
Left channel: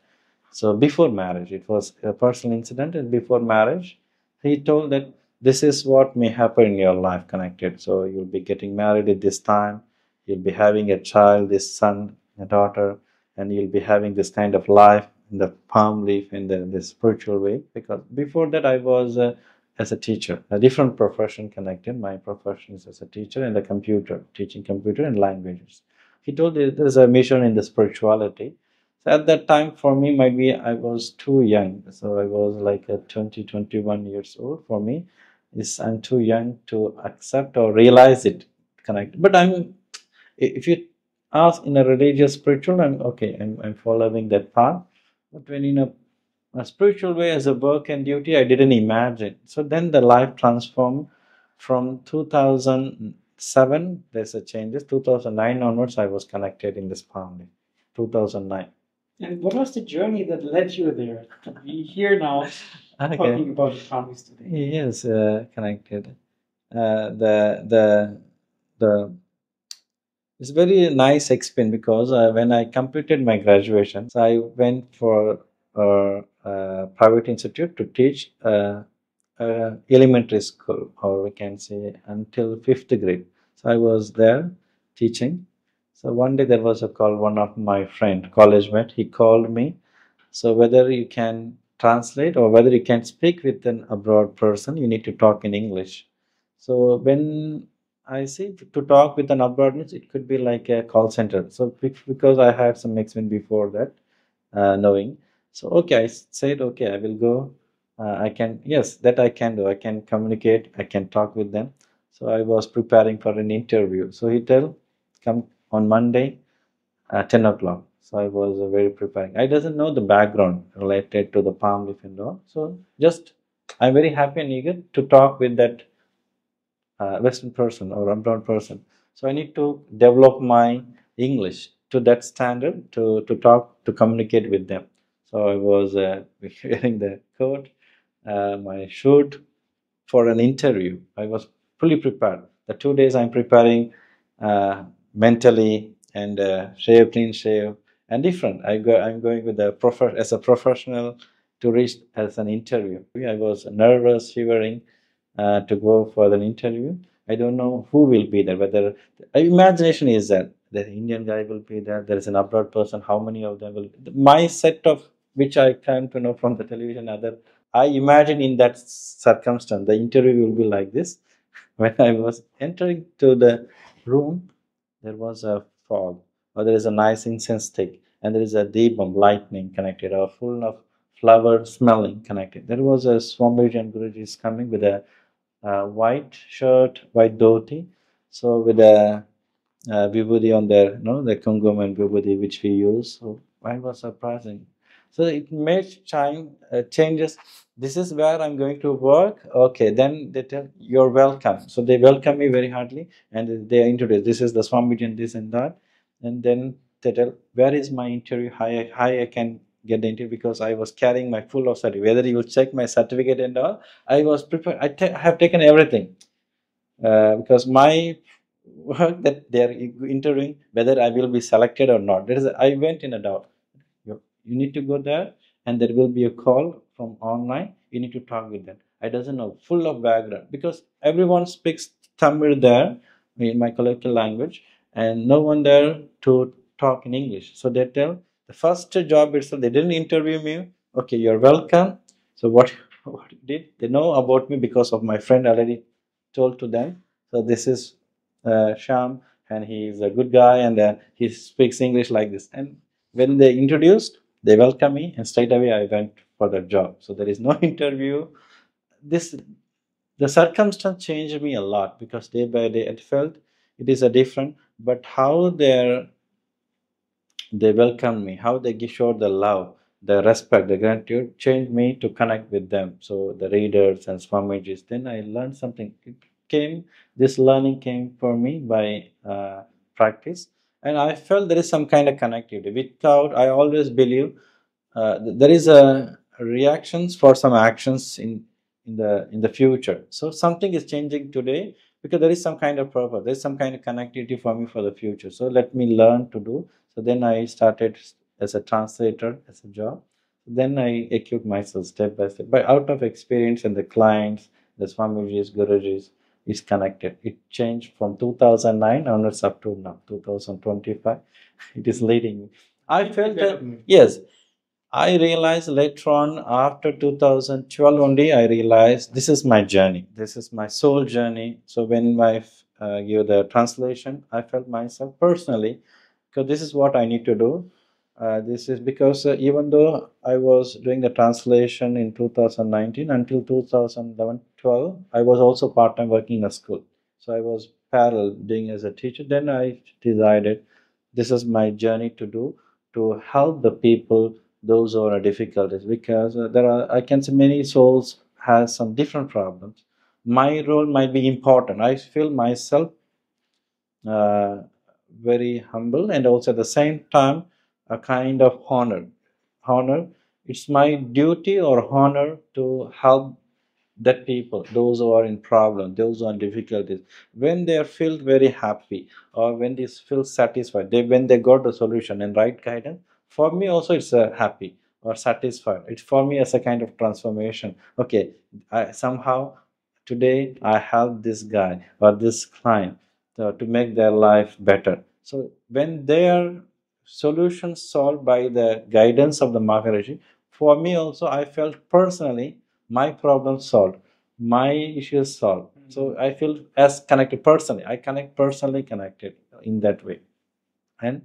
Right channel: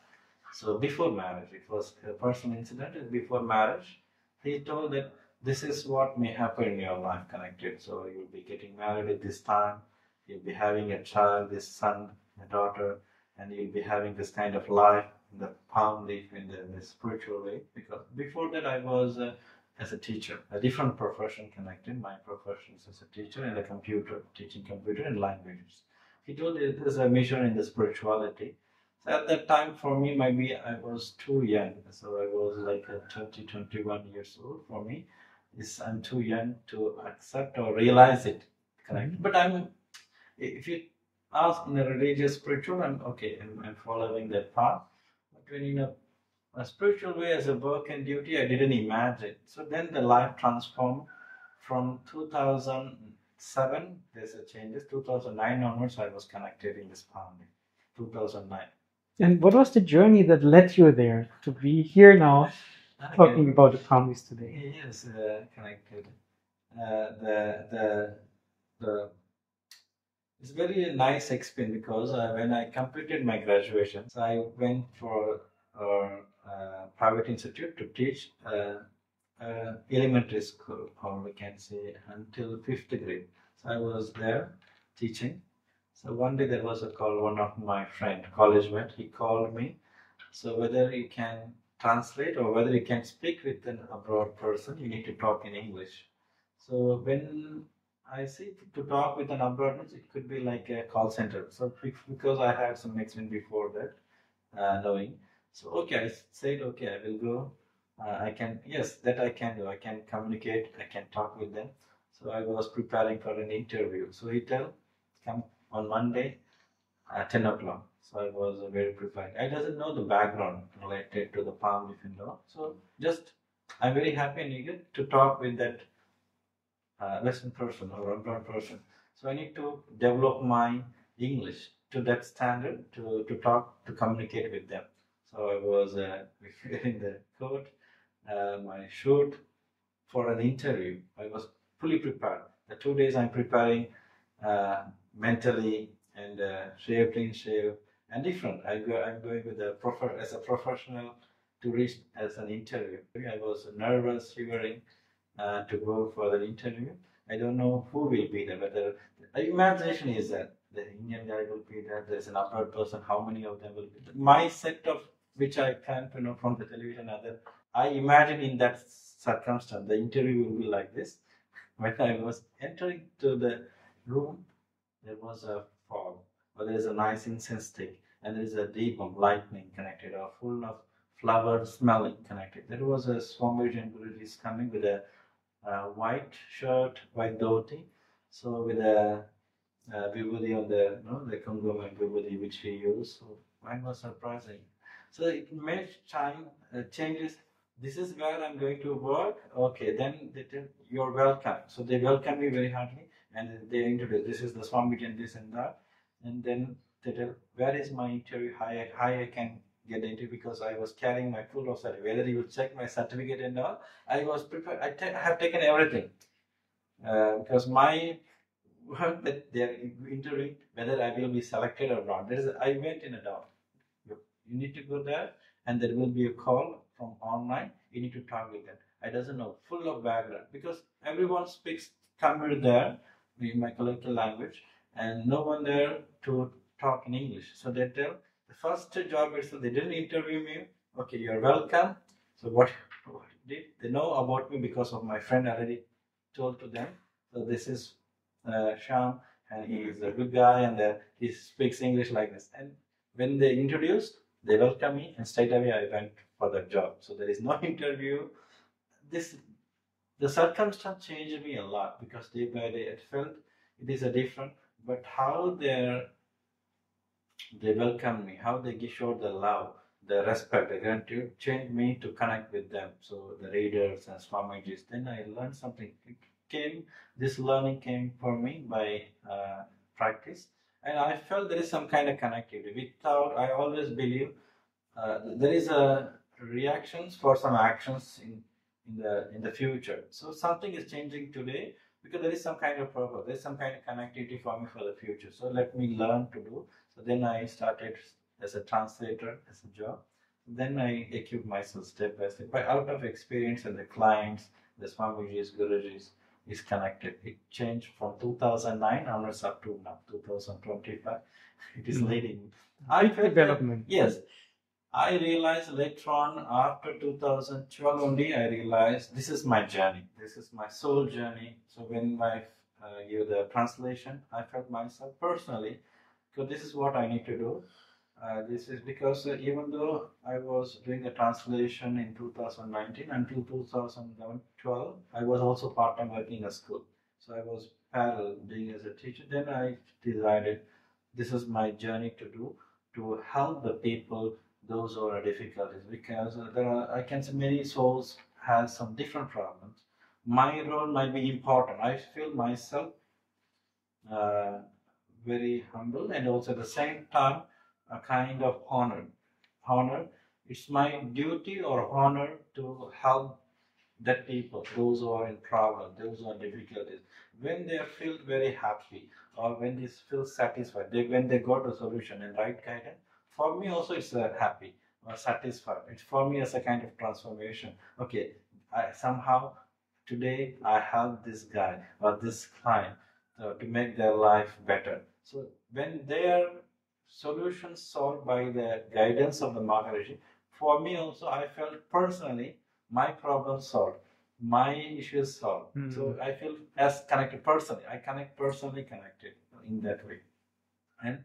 So before marriage, it was a personal incident, and before marriage, he told that this is what may happen in your life connected. So you'll be getting married at this time, you'll be having a child, this son, a daughter, and you'll be having this kind of life in the palm leaf in the spiritual way. Because before that, I was as a teacher, a different profession connected. My profession is as a teacher and a computer, teaching computer and languages. He told there's a mission in the spirituality. So at that time, for me, maybe I was too young. So I was like a 20, 21 years old. For me, is I'm too young to accept or realize it connected. But if you ask in a religious, spiritual, I'm okay. I'm following that path. But when in a spiritual way as a work and duty, I didn't imagine. So then the life transformed from 2007. There's a changes. 2009 onwards, I was connected in this family. 2009. And what was the journey that led you there to be here now, talking about the families today? Yes, connected. The it's very nice experience because when I completed my graduation, so I went for a private institute to teach elementary school, or we can say until fifth grade. So I was there teaching. So one day there was a call. One of my friend, college mate, he called me. So whether you can translate or whether you can speak with an abroad person, you need to talk in English. So when I see to talk with an abroad means it could be like a call center. So because I had some experience before that, knowing. So okay, I said okay, I will go. I can yes, that I can do. I can communicate. I can talk with them. So I was preparing for an interview. So he tell, come on Monday at 10 o'clock. So I was very preparing. I doesn't know the background related to the palm leaf and all. So just I'm very happy and eager to talk with that Western person or abroad person. So I need to develop my English to that standard to talk, to communicate with them. So I was wearing the coat, my suit for an interview. I was fully prepared. The 2 days I'm preparing mentally and shave, clean shave, and different. I'm going with as a professional to reach as an interview. I was nervous, shivering to go for an interview. I don't know who will be there. Whether imagination is that the Indian guy will be there. There is an abroad person. How many of them will? My set of which I came to know from the television. Other I imagine in that circumstance the interview will be like this. When I was entering to the room, there was a fog, or there is a nice incense stick, and there is a deepam lightning connected, or full of flower smelling connected. There was a Swamiji and Guruji is coming with a white shirt, white dhoti, so with a vibhuti on the the kungum and vibhuti which we use. So I was surprising. So it makes changes. This is where I'm going to work. Okay, then they tell you're welcome. So they welcome me very heartily, and they introduce, this is the Swamiji and this and that, and then they tell where is my interview, how I can get the interview, because I was carrying my full of certificate. Whether you will check my certificate and all, I was prepared. I have taken everything because my work that they are interviewing, whether I will be selected or not. I went in a doubt. You need to go there, and there will be a call from online. You need to talk with them. I doesn't know full of background, because everyone speaks Tamil there in my colloquial language, and no one there to talk in English. So they tell the first job itself. They didn't interview me. Okay, you're welcome. So what did they know about me because of my friend already told to them. So this is Shyam, and he is a good guy, and he speaks English like this. And when they introduced, they welcomed me, and straight away I went for the job. So there is no interview. The circumstance changed me a lot, because day by day it felt it is a different. But how they welcomed me, how they showed the love, the respect, the gratitude, changed me to connect with them. So the readers and Swamijis. Then I learned something. This learning came for me by practice, and I felt there is some kind of connectivity. Without, I always believe there is a reactions for some actions in the future. So something is changing today, because there is some kind of purpose. There is some kind of connectivity for me for the future. So let me learn to do. So then I started as a translator, as a job. Then I equipped myself step by step. But out of experience, and the clients, the Swamijis, Gurujis is connected. It changed from 2009 onwards up to now, 2025. It is leading. I felt that, yes, I realized later on, after 2012 only, I realized this is my journey. This is my soul journey. So when I give the translation, I felt myself personally, because this is what I need to do. This is because even though I was doing the translation in 2019 until 2011-12, I was also part-time working in a school. So I was parallel doing as a teacher. Then I decided this is my journey to do, to help the people, those who are difficulties, because there are, I can say, many souls has some different problems. My role might be important. I feel myself uh, very humble, and also at the same time a kind of honor. It's my duty or honor to help that people, those who are in problem, those who are in difficulties, when they feel very happy, or when they feel satisfied, when they got the solution and right guidance. For me also it's happy or satisfied. It's for me as a kind of transformation. Okay, I somehow today I help this guy or this client to make their life better. So when their solutions solved by the guidance of the Maharishi, for me also I felt personally my problem solved, my issues solved. So I feel as connected personally. I connect personally connected in that way. And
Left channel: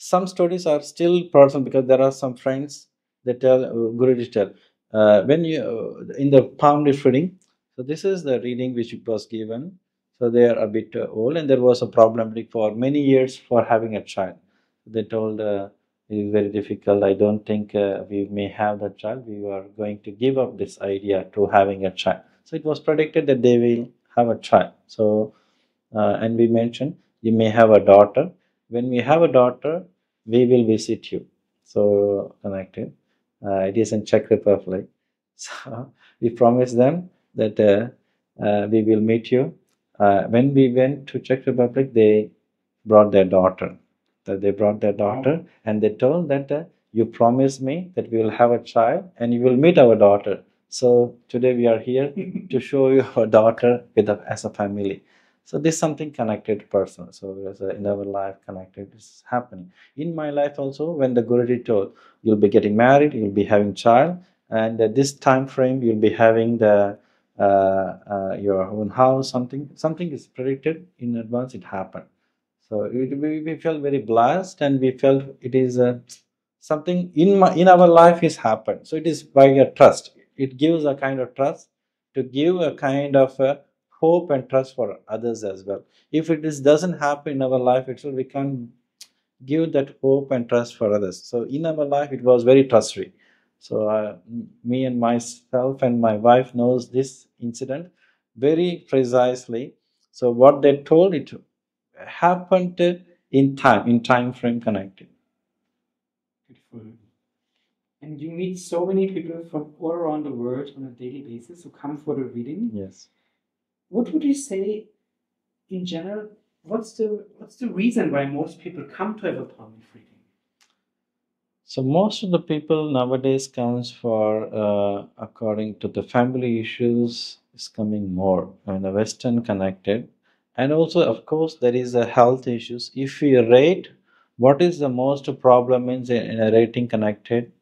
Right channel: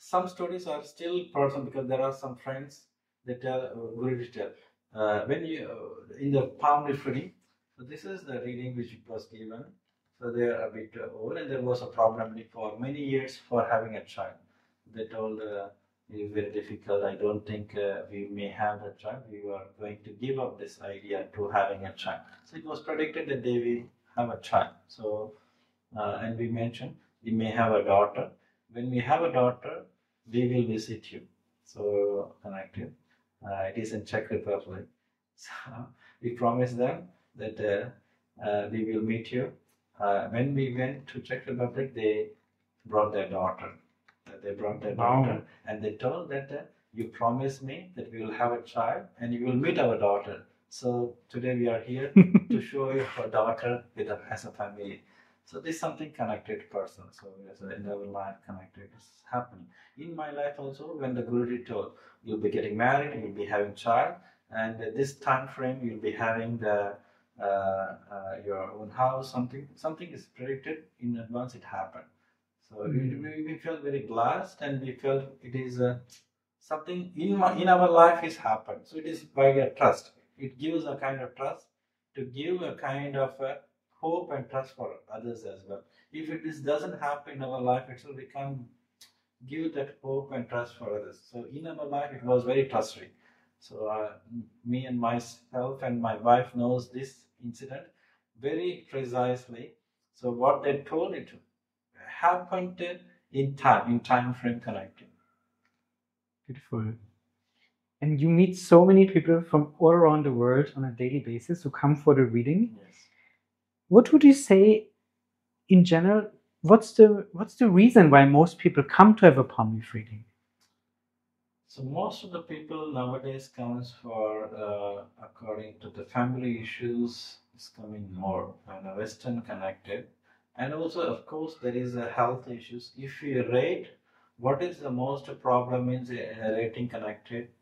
some stories are still personal, because there are some friends that tell, Guruji tell, when you in the palm leaf reading. So this is the reading which was given. So they are a bit old, and there was a problem for many years for having a child. They told it is very difficult. I don't think we may have that child. We are going to give up this idea to having a child. So it was predicted that they will have a child. So and we mentioned you may have a daughter. When we have a daughter, we will visit you. So connected. It is in Czech Republic. So we promised them that we will meet you. When we went to Czech Republic, they brought their daughter. They brought their daughter, wow. And they told that you promised me that we will have a child and you will meet our daughter. So today we are here to show you our daughter as a family. So this is something connected person. So in our life connected is happening. In my life also, when the Guruji told you'll be getting married, you'll be having child, and at this time frame you'll be having the your own house. Something is predicted in advance. It happened. So we felt very blessed, and we felt it is something in our life is happened. So it is by a trust. It gives a kind of trust to give a kind of hope and trust for others as well. If doesn't happen in our life itself, we can't give that hope and trust for others. So in our life, it was very trust-free. So me and myself and my wife knows this incident very precisely. So what they told, it happened in time frame connected. Beautiful. And you meet so many people from all around the world on a daily basis who come for the reading. Yes. What would you say in general? What's the reason why most people come to have a palm leaf reading? So most of the people nowadays comes for according to the family issues is coming more and the Western connected, and also of course there is a health issues. If we rate what is the most problem in a rating connected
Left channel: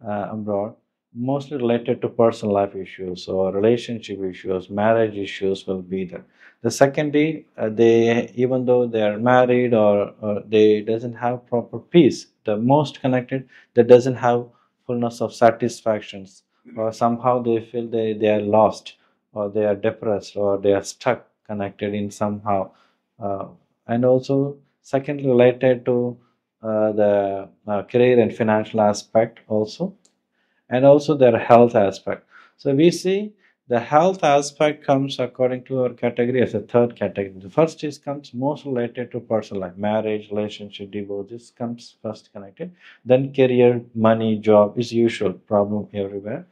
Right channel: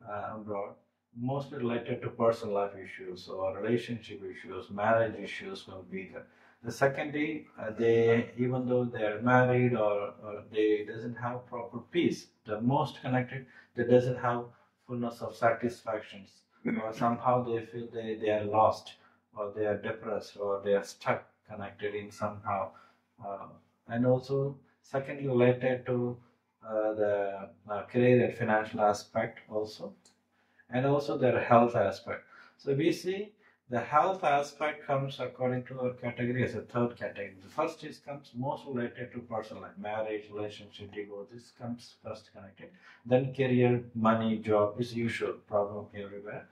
abroad, mostly related to personal life issues or relationship issues, marriage issues will be there. The secondary, they even though they are married or they doesn't have proper peace, the most connected, that doesn't have fullness of satisfactions, or somehow they feel they are lost or they are depressed or they are stuck connected in somehow. Uh, and also secondly related to the career and financial aspect also, and also their health aspect. So we see the health aspect comes according to our category as a third category. The first is comes most related to personal life, marriage, relationship, divorce. This comes first connected. Then career, money, job is usual problem everywhere.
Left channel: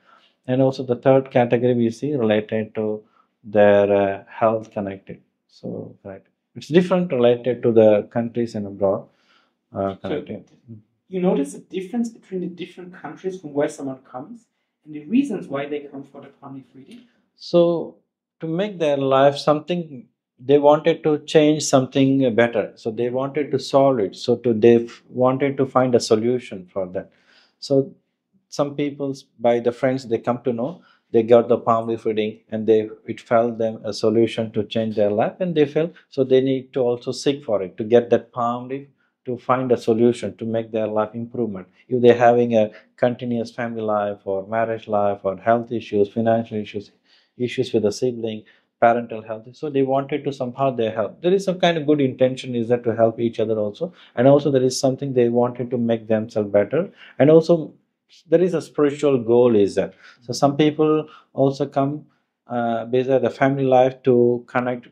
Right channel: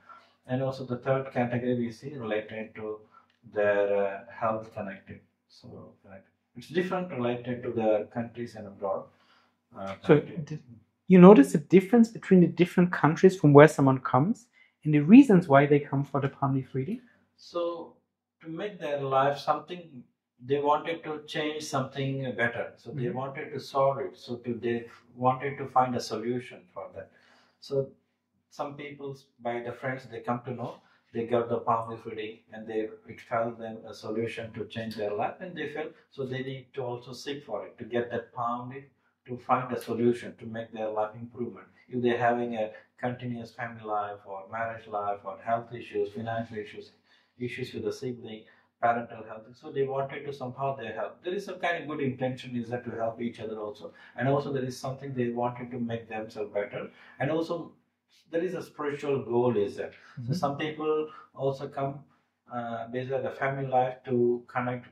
And also the third category we see related to their health connected. So right, it's different related to the countries and abroad connected. So you notice the difference between the different countries from where someone comes and the reasons why they come for the palm leaf reading? So to make their life something, they wanted to change something better. So they wanted to solve it. So they wanted to find a solution for that. So some people, by the friends they come to know, they got the palm leaf reading and it felt them a solution to change their life, and they felt so they need to also seek for it to get that palm leaf to find a solution to make their life improvement. If they're having a continuous family life or marriage life or health issues, financial issues with a sibling, parental health, so they wanted to somehow they help. There is some kind of good intention is that to help each other also, and also there is something they wanted to make themselves better, and also there is a spiritual goal is that. So some people also come based on the family life to connect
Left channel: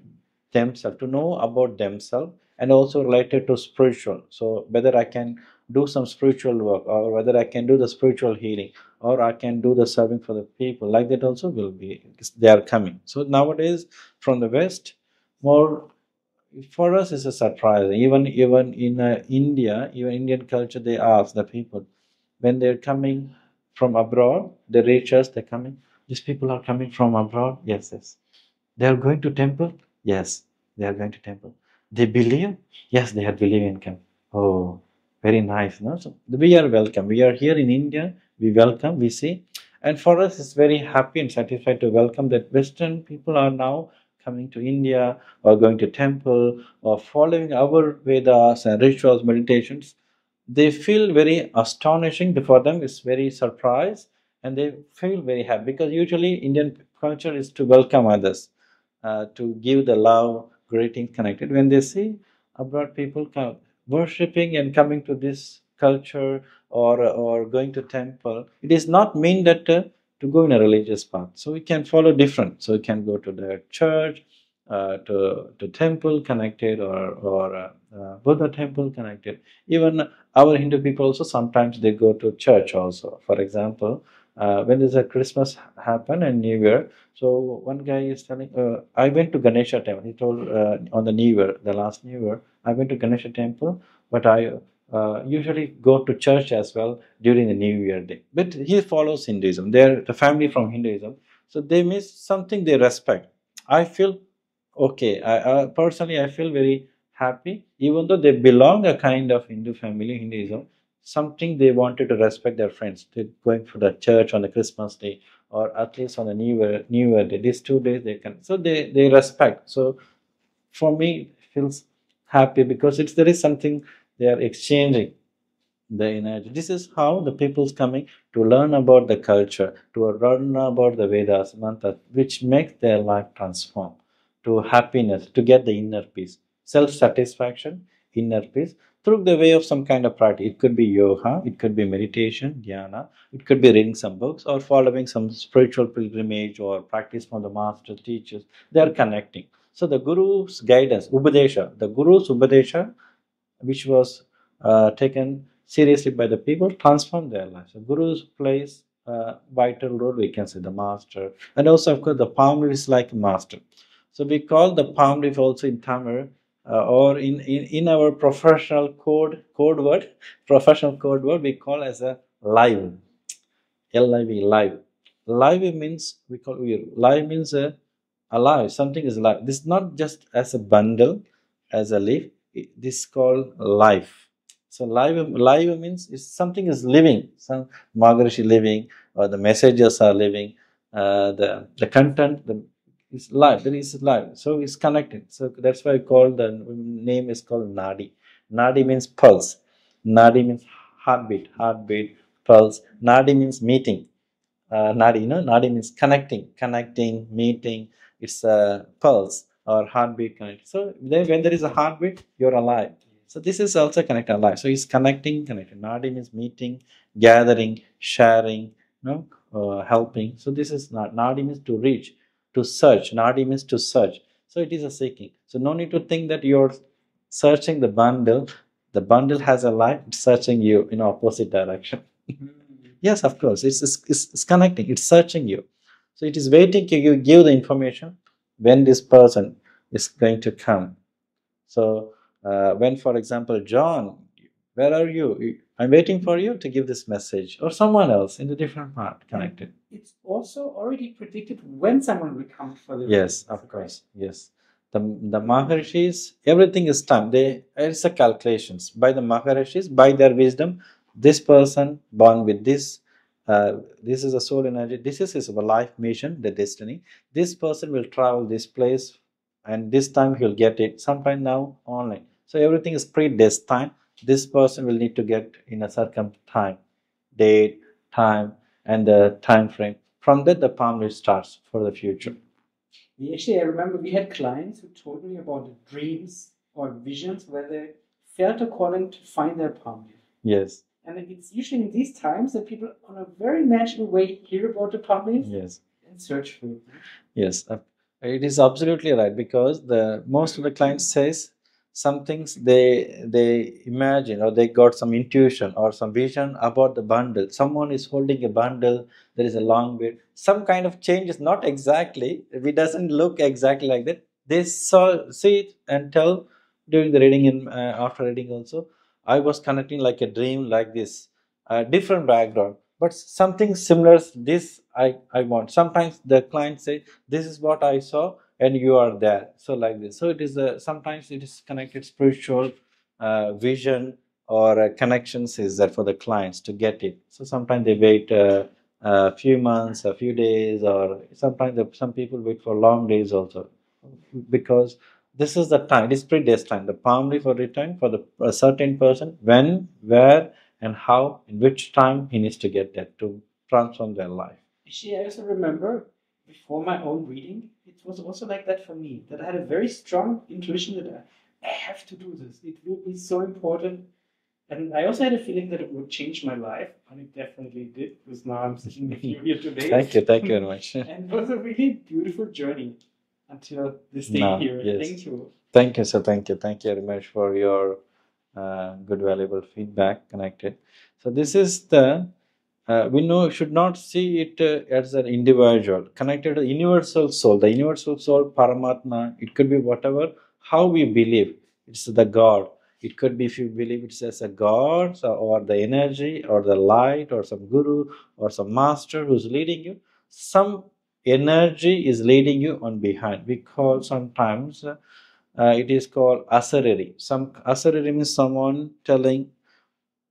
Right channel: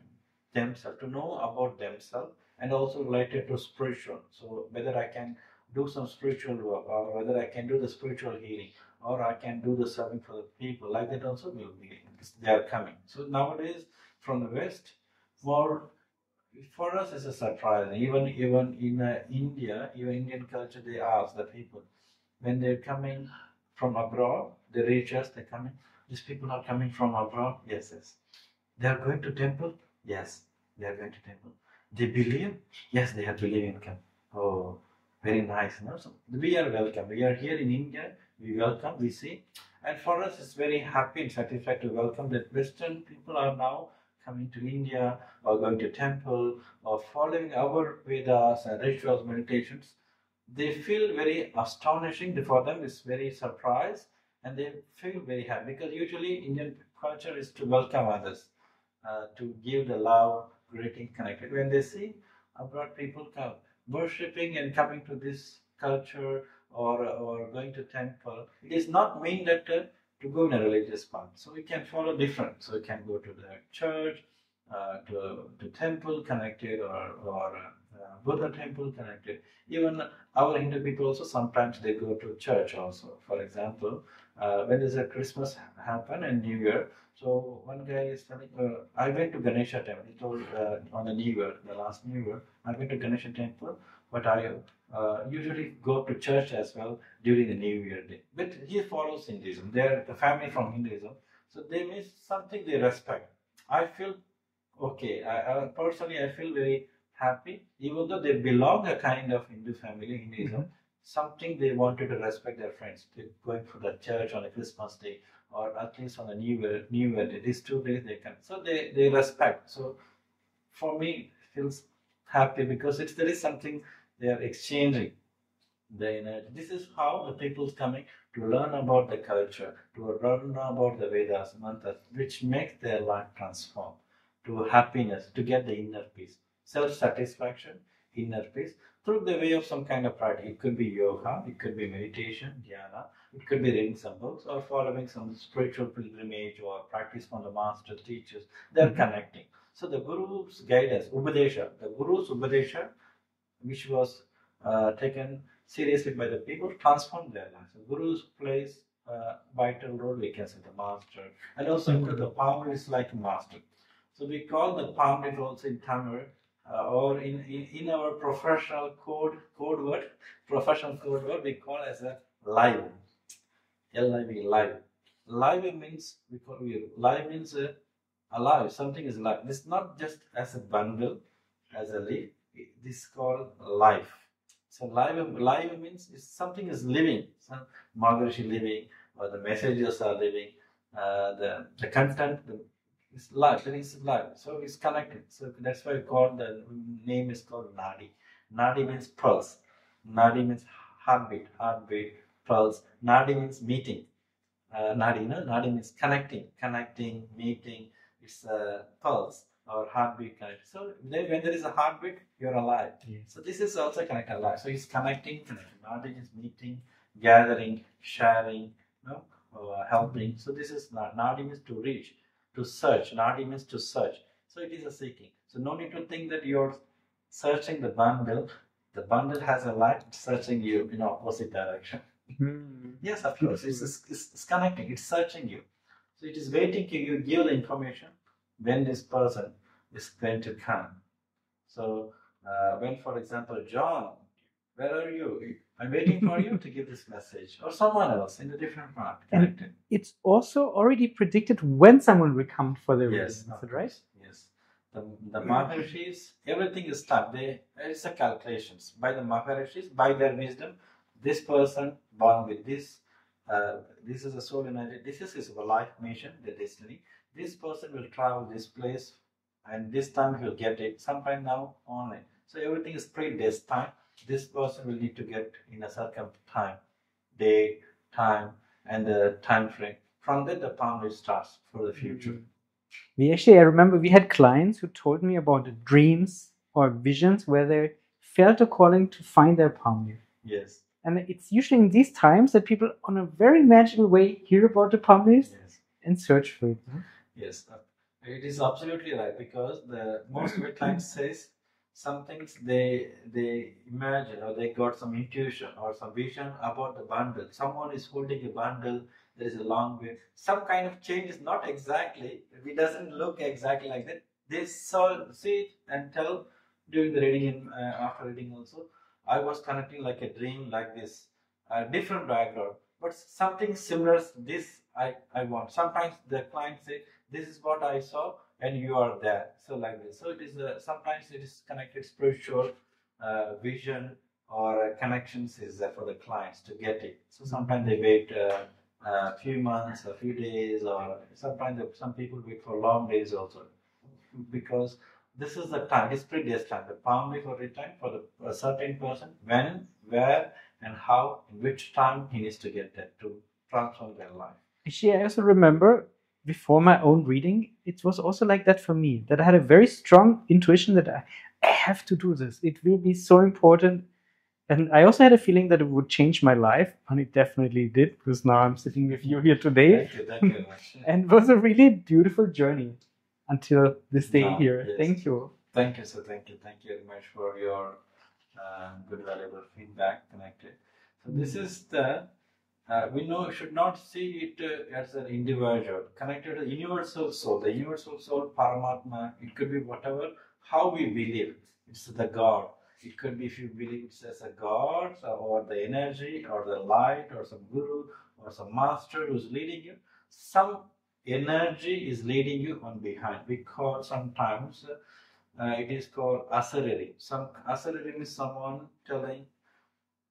themselves, to know about themselves, and also related to spiritual. So whether I can do some spiritual work, or whether I can do the spiritual healing, or I can do the serving for the people, like that also will be, they are coming. So nowadays from the West, more for us is a surprise. Even in India, even Indian culture, they ask the people when they're coming from abroad, they reach us, they're coming. These people are coming from abroad. Yes, yes. They are going to temple. Yes, they are going to temple. They believe. Yes, they are believing. Oh, very nice. No? So we are welcome. We are here in India. We welcome. We see, and for us, it's very happy and satisfied to welcome that Western people are now coming to India or going to temple or following our Vedas and rituals, meditations. They feel very astonishing for them. It's very surprise, and they feel very happy because usually Indian culture is to welcome others, to give the love, greeting, connected. When they see abroad people come worshipping and coming to this culture or going to temple, it is not mean that to go in a religious path. So we can follow different. So we can go to the church, to temple connected, or Buddha temple connected. Even our Hindu people also sometimes they go to church also. For example, when there's a Christmas happen and New Year, so one guy is telling, I went to Ganesha temple. He told on the New Year, the last New Year, I went to Ganesha temple, but I usually go to church as well during the New Year day. But he follows Hinduism. They're the family from Hinduism, so they miss something they respect. I feel okay. Personally, I feel very happy, even though they belong a kind of Hindu family, Hinduism. Something they wanted to respect their friends. They're going for the church on the Christmas day, or at least on the New Year day. These 2 days they can, so they respect. So for me, it feels happy because there is something they are exchanging the energy. This is how the people's coming to learn about the culture, to learn about the Vedas, mantras, which makes their life transform to happiness, to get the inner peace, self-satisfaction, inner peace. through the way of some kind of practice. It could be yoga, it could be meditation, dhyana, it could be reading some books or following some spiritual pilgrimage or practice from the master teachers. They are connecting. So the Guru's guidance, Upadesha, the Guru's Upadesha, which was taken seriously by the people, transformed their lives. So Guru's plays a vital role, we can say, the master. And also, of course, the palm leaf is like a master. So we call the palm leaf also in Tamil, or in our professional code word, we call as a live. L-I-V, live. Live means, we call live means alive, something is alive. This is not just as a bundle, as a leaf, this is called life. So live means something is living, some Maharishi living, or the messages are living, the content is live, there is live, so it's connected. So that's why I call the name is called Nadi. Nadi means pulse, Nadi means heartbeat, pulse. Nadi means meeting. Nadi, Nadi means connecting, meeting. It's a pulse or heartbeat connect. So when there is a heartbeat, you're alive. So this is also connected alive. So it's connecting. Nadi means meeting, gathering, sharing, helping. So this is Nadi means to reach, to search. Nadi means to search. So it is a seeking. So no need to think that you're searching the bundle. The bundle has a life, it's searching you in opposite direction. Yes, of course. It's connecting. It's searching you. So it is waiting to give the information when this person is going to come. So when, for example, John, where are you? I'm waiting for you to give this message, or someone else in a different part connected. It's also already predicted when someone will come for the Yes, of course. Right? Yes. The Maharishis, everything is timed. It's a calculations by the Maharishis, by their wisdom. This person born with this, this is a soul energy. This is his life mission, the destiny. This person will travel this place, and this time he'll get it. Sometime now online. So everything is predestined. This person will need to get in a certain time, date, time, and the time frame. From that, the palm leaf starts for the future. I remember we had clients who told me about dreams or visions where they felt a calling to find their palm leaf. Yes. And it's usually in these times that people, on a very magical way, hear about the palm leaf. Yes. And search for it. Yes, it is absolutely right, because most of the clients says some things they imagine, or they got some intuition or some vision about the bundle. Someone is holding a bundle. There is a long way. Some kind of change is not exactly. It doesn't look exactly like that. They see it and tell during the reading and after reading also. I was connecting like a dream, like this, different background, but something similar. This I want. Sometimes the client say, "This is what I saw," and you are there. So like this. So it is sometimes it is connected spiritual vision or connections is there for the clients to get it. So sometimes they wait a few months, a few days, or sometimes some people wait for long days also, because this is the time. It is predestined. The palm leaf will return for a certain person, when, where, and how, in which time he needs to get that to transform their life. Actually, I also remember before my own reading, it was also like that for me, that I had a very strong intuition that I have to do this. It will be so important. And I also had a feeling that it would change my life, and it definitely did, because now I'm sitting with you here today. Thank you very much. And it was a really beautiful journey until this day here. Yes. Thank you. Thank you, sir. Thank you very much for your good, valuable feedback connected. So this is the, we should not see it as an individual, connected to the universal soul. The universal soul, Paramatma, it could be whatever, how we believe. It's the God. It could be if you believe it's as a God, or the energy, or the light, or some guru, or some master who's leading you. Some energy is leading you on behind. We call sometimes, it is called asariri. Some asariri means someone telling,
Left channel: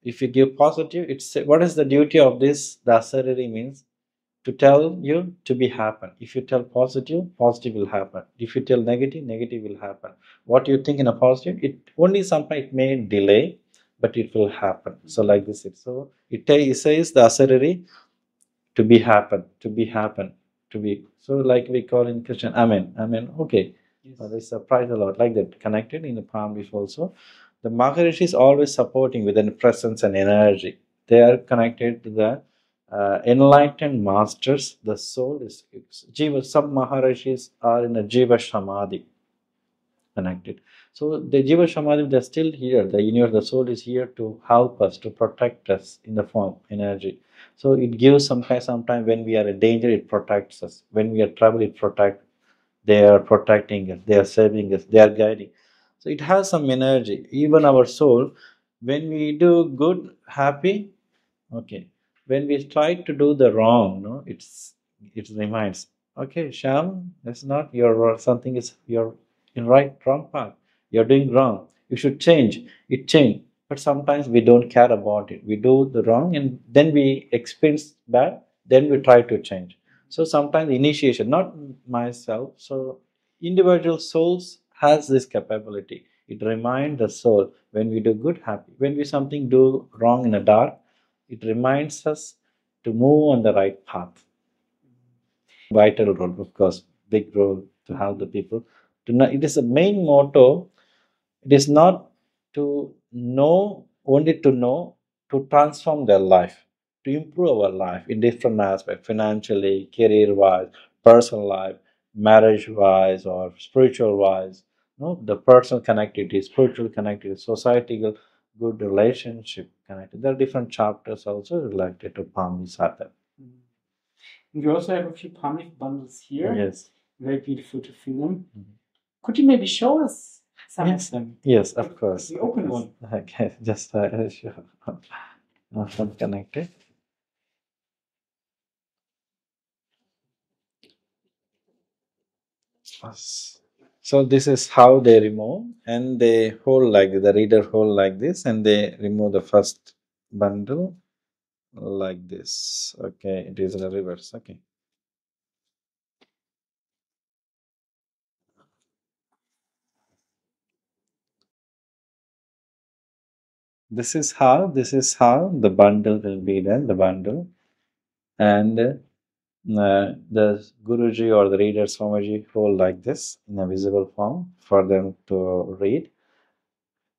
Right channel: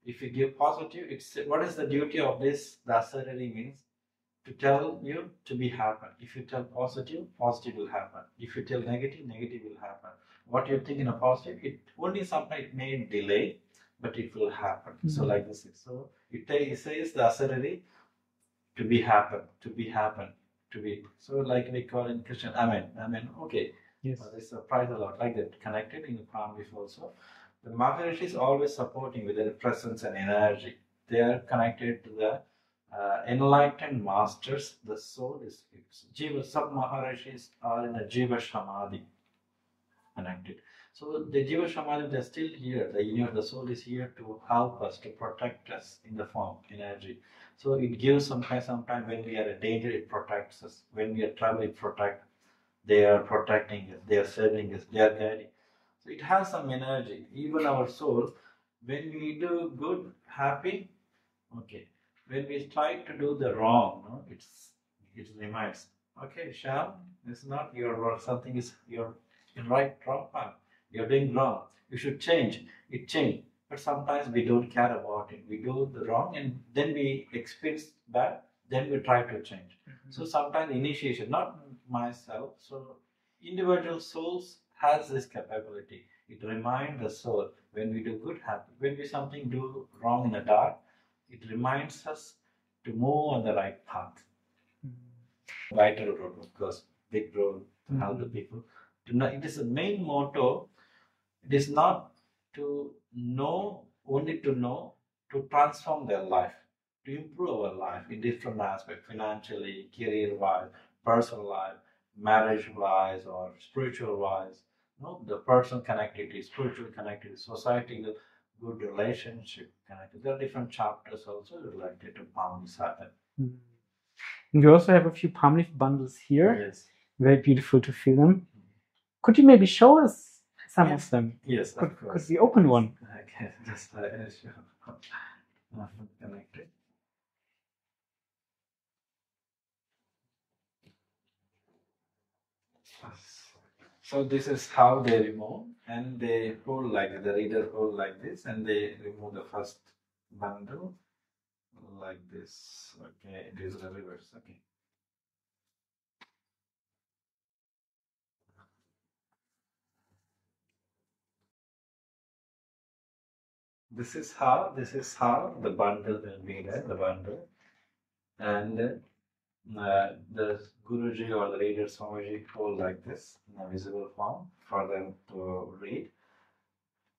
if you give positive, it's what is the duty of this? The asariri means to tell you to be happen. If you tell positive, positive will happen. If you tell negative, negative will happen. What you think in a positive, it only sometimes it may delay, but it will happen. Mm-hmm. So like this, so it says the asariri to be happen, to be happen, to be. So like we call in Christian, Amen, Amen. Okay. Yes. This praise the Lord, like that, connected in the palm leaf also. The Maharishi is always supporting with their presence and energy. They are connected to the enlightened masters. The soul is Jiva. Some Maharishis are in a Jiva Samadhi connected. So the Jiva Samadhi, they're still here. The universe, the soul is here to help us, to protect us in the form of energy. So it gives sometimes when we are in danger, it protects us. When we are trouble, it protects. They are protecting us, they are saving us, they are guiding. So it has some energy. Even our soul, when we do good, happy, okay. When we try to do the wrong, no, it reminds, okay, Shyam, that's not your something is you're in wrong path. You're doing wrong. You should change. It changed. But sometimes we don't care about it. We do the wrong and then we experience bad, then we try to change. So sometimes initiation, not myself. So individual souls has this capability. It reminds the soul when we do good, happy. When we something do wrong in the dark, it reminds us to move on the right path. Vital role, of course, big role to help the people. To know, it is the main motto. It is not to know, only to know, to transform their life, to improve our life in different aspects, financially, career-wise, personal life, marriage-wise, or spiritual-wise. No, the personal connectivity, spiritual connectivity, societal good relationship connected. There are different chapters also related to palm Sada. And we also have a few palm leaf bundles here. Yes. Very beautiful to feel them. Could you maybe show us some of them? Yes, of course. Could we open one? Okay, just sure. Not connected. So this is how they remove, and they hold like this. The reader hold like this, and they remove the first bundle like this. Okay, it is the reverse. Okay. This is how the bundle will be then, the bundle. And the Guruji or the reader Swamiji hold like this in a visible form for them to read.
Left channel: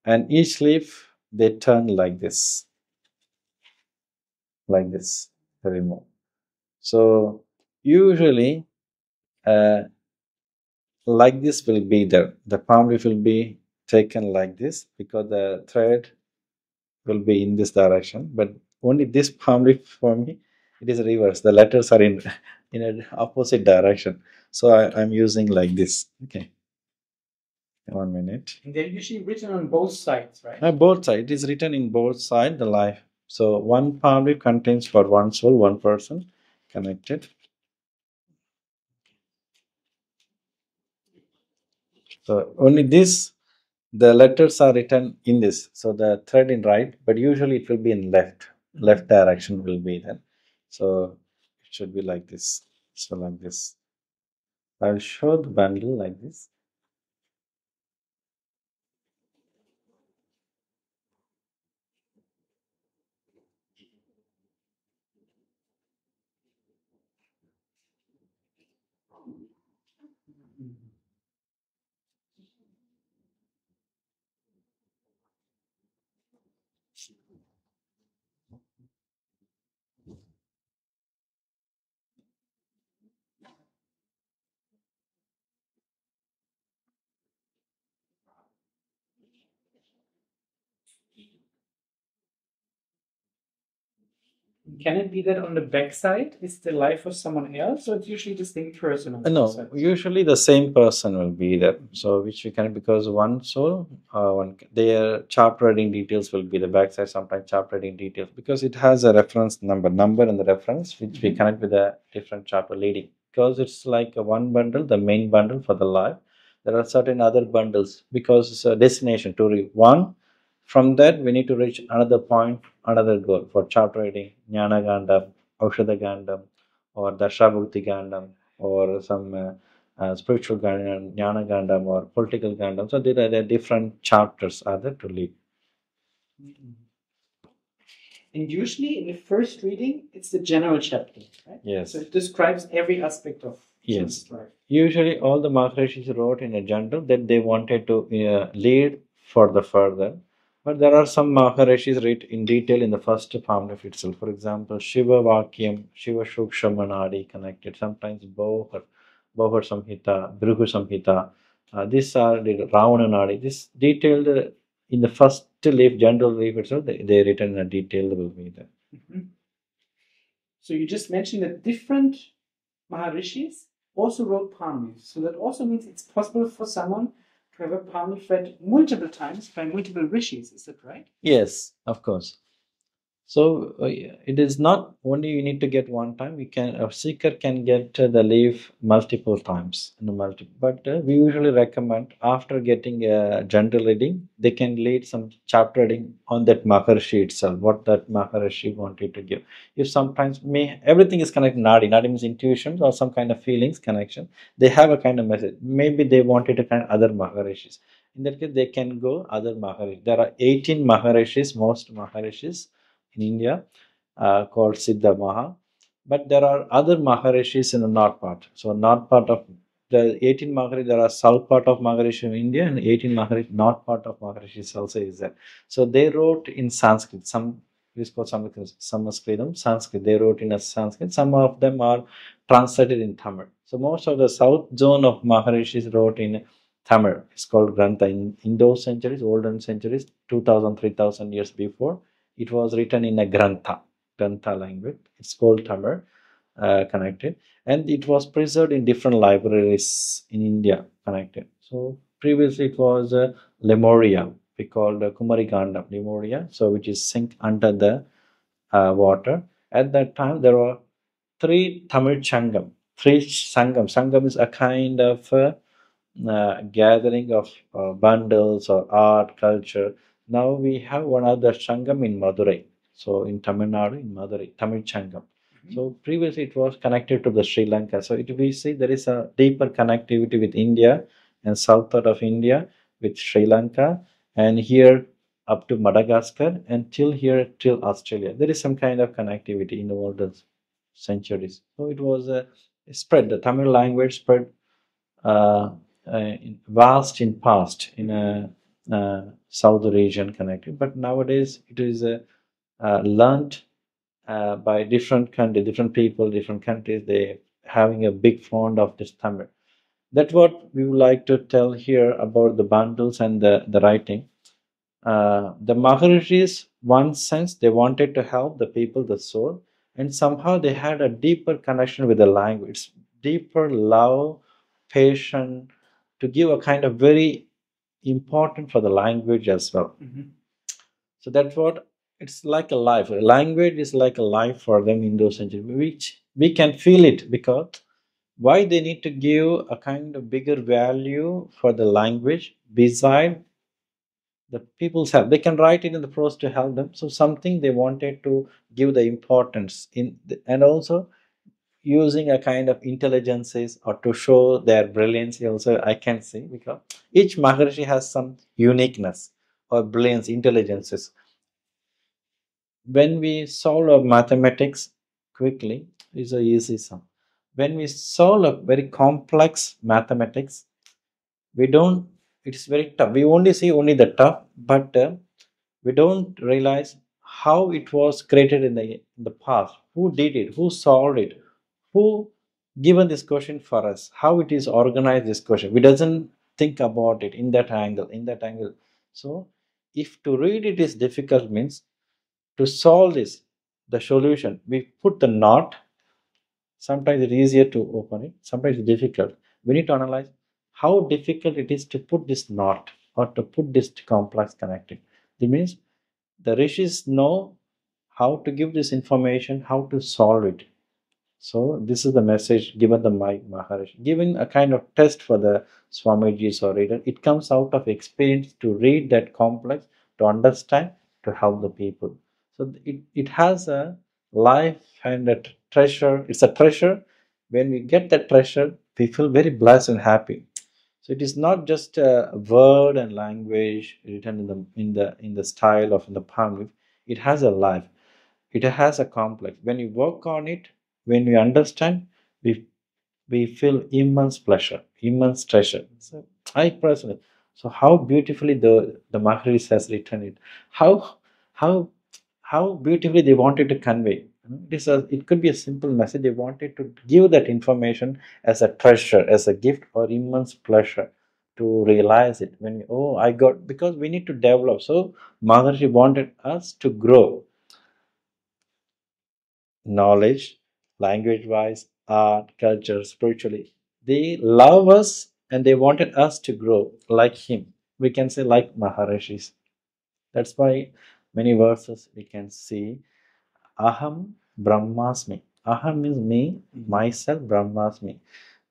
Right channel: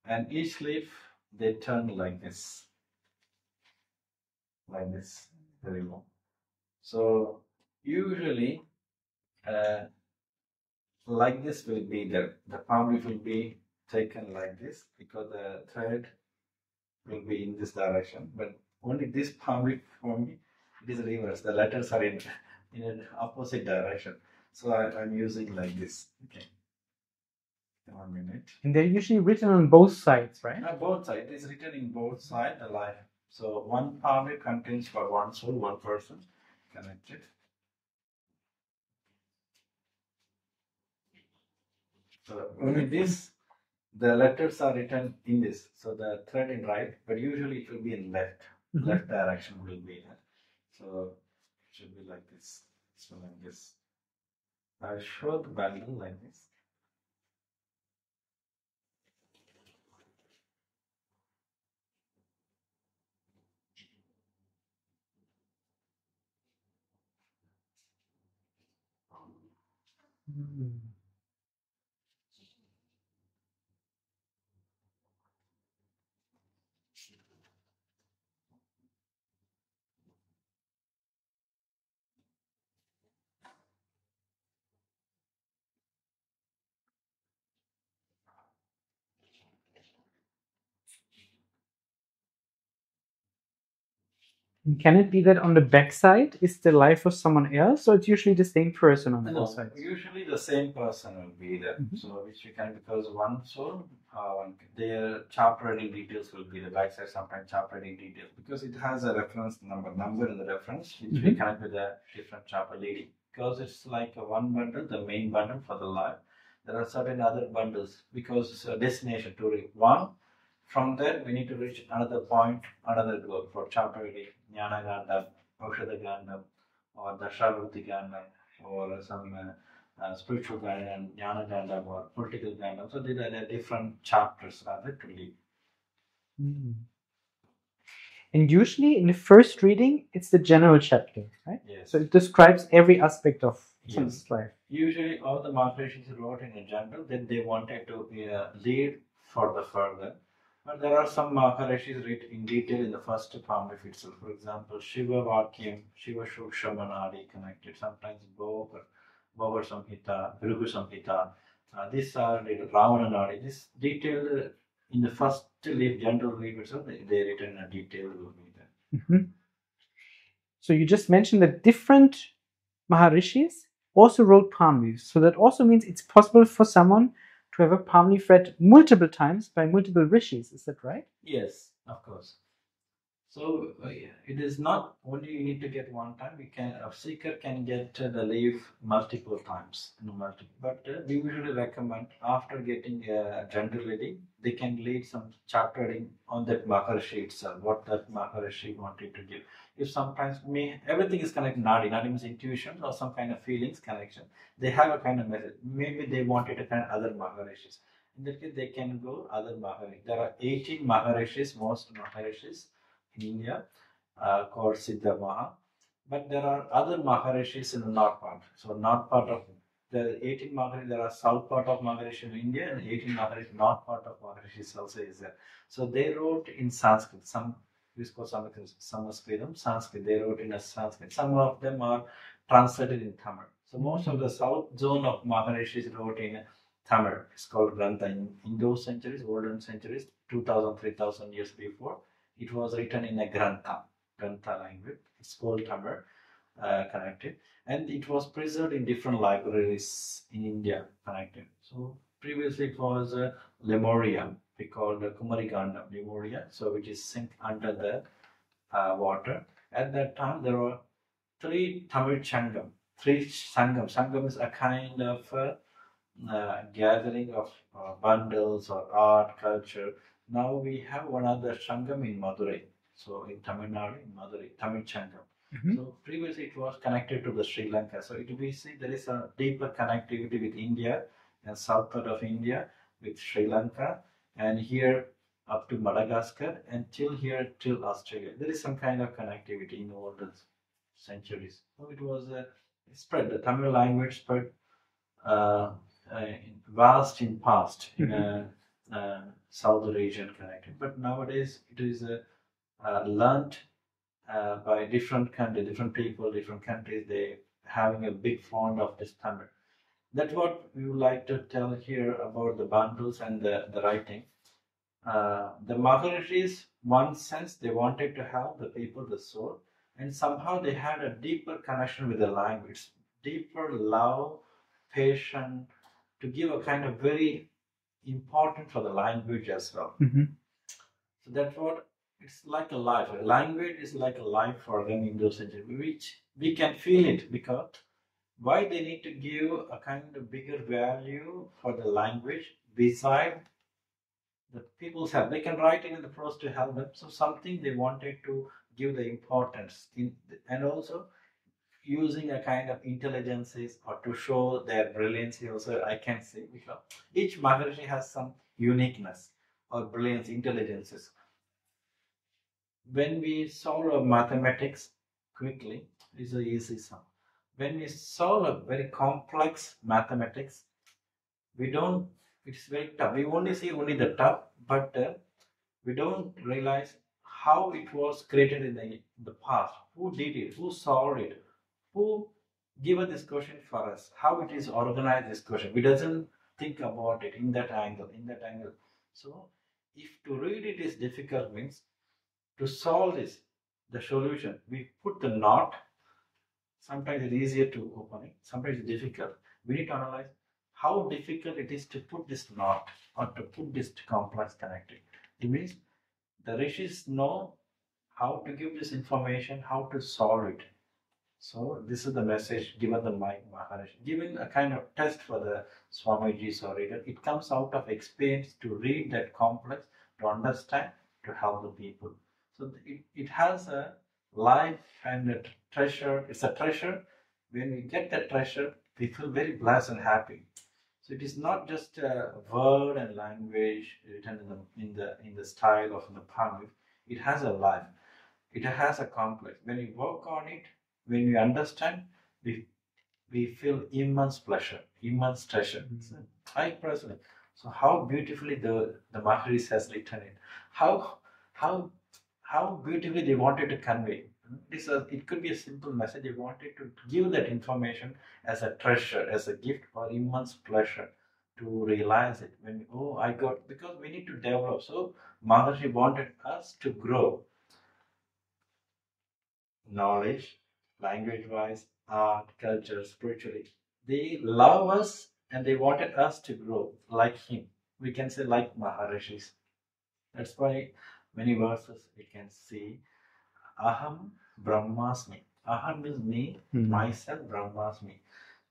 And each leaf they turn like this, they remove. So usually like this will be there. The palm leaf will be taken like this because the thread will be in this direction. But only this palm leaf for me, it is reverse. The letters are in an opposite direction. So I'm using like this. Okay. 1 minute. And they're usually written on both sides, right? Both sides. It is written in both sides, the life. So one palm leaf contains for one soul, one person connected. So only this, the letters are written in this. So the thread in right, but usually it will be in left. Left direction will be there. So it should be like this. So like this. I'll show the bundle like this. Can it be that on the back side is the life of someone else, or it's usually the same person on the side? No, usually the same person will be there. So which we can, because one soul, their chapter reading details will be the backside. Sometimes chapter reading details because it has a reference number and the reference which we connect with a different chapter leading. Because it's like a one bundle, the main bundle for the life. There are certain other bundles because it's a destination to read one. From that, we need to reach another point, another goal for chapter reading, Jnana Gandam, Aushadha Gandam, or Darshabhukti Gandam, or some spiritual Gandam, Jnana Gandam, or political Gandam. So there are different chapters are there to lead. And usually in the first reading, it's the general chapter, right? Yes. So it describes every aspect of someone's life. Usually all the Maharishis wrote in a general that they wanted to lead for the further. But there are some Maharishis written in detail in the first palm leaf itself. For example, Shiva Vakyam, Shiva Shukshamanadi connected, sometimes Bohar Samhita, Bhrigu Samhita. These are the Ravana Nadi. This detailed in the first leaf, general leaf itself, they written in a detailed will be there. Mm-hmm. So you just mentioned that different Maharishis also wrote palm leaves. So that also means it's possible for someone to have a palm leaf read multiple times by multiple rishis. Is that right? Yes, of course. So it is not only you need to get one time. A seeker can get the leaf multiple times, But we usually recommend after getting a general reading, they can lead some chapter reading on that Maharishi itself, what that Maharishi wanted to give. If sometimes everything is connected, Nadi means intuitions or some kind of feelings connection. They have a kind of message. Maybe they wanted to connect other Maharishis. In that case, they can go other Maharishis. There are 18 Maharishis, most Maharishis in India, called Siddha Maha. But there are other Maharishis in the north part. So north part of the 18 Maharishis, there are south part of Maharishi in India and 18 Maharishi, north part of Maharishis also is there. So they wrote in Sanskrit. Some is called Sanskrit. They wrote in a Sanskrit. Some of them are translated in Tamil. So most of the south zone of Maharishis wrote in Tamil. It's called Grantha. In those centuries, olden centuries, 2000, 3000 years before, it was written in a Grantha language. It's called Tamil, connected. And it was preserved in different libraries in India, connected. So previously it was Lemuria, we called Kumari Gandam, Lemuria, so which is sink under the water. At that time, there were 3 Tamil Changam, 3 Sangam. Sangam is a kind of gathering of bundles or art, culture. Now we have one other Sangam in Madurai. So in Tamil Nadu, in Madurai, Tamil Changam. So previously it was connected to the Sri Lanka. So we see there is a deeper connectivity with India and south part of India with Sri Lanka, and here up to Madagascar, and till Australia. There is some kind of connectivity in all the centuries. So it was spread. The Tamil language spread vast in past in a south region connected, but nowadays it is learned by different countries, different people, different countries. They having a big fond of this Tamil. That's what we would like to tell here about the bundles and the writing. The Maharishis, one sense, they wanted to help the people, the soul, and somehow they had a deeper connection with the language, deeper love, patience, to give a kind of very important for the language as well. So that's what it's like a life. A language is like a life for them in those centuries, which we can feel it because why they need to give a kind of bigger value for the language beside the people's help. They can write it in the prose to help them. So something they wanted to give the importance in, and also using a kind of intelligences or to show their brilliance. Also, I can say because each Maharishi has some uniqueness or brilliance, intelligences. When we solve a mathematics quickly, it's a easy sum. When we solve a very complex mathematics, we don't. It's very tough. We only see only the tough, but we don't realize how it was created in the past. Who did it? Who solved it? Who given this question for us? How it is organized? This question. We doesn't think about it in that angle. In that angle. So, if to read it is difficult, means to solve this, the solution, we put the knot. Sometimes it's easier to open it, sometimes it's difficult. We need to analyze how difficult it is to put this knot or to put this complex connected. It means the rishis know how to give this information, how to solve it. So this is the message given the Maharishi, giving a kind of test for the Swamijis or reader. It comes out of experience to read that complex, to understand, to help the people. So it has a life and a treasure. It's a treasure. When we get that treasure, we feel very blessed and happy. So it is not just a word and language written in the style of the palm leaf. It has a life. It has a complex. When you work on it, when we understand, we feel immense pleasure, immense treasure. So I personally, So how beautifully the Maharishi has written it. How beautifully they wanted to convey. It could be a simple message. They wanted to give that information as a treasure, as a gift or immense pleasure to realize it. When I got, because we need to develop. So Maharishi wanted us to grow knowledge, language-wise, art, culture, spiritually. They love us and they wanted us to grow like him. We can say like Maharishis. That's why many verses we can see Aham Brahmasmi. Aham means me, myself, Brahmasmi.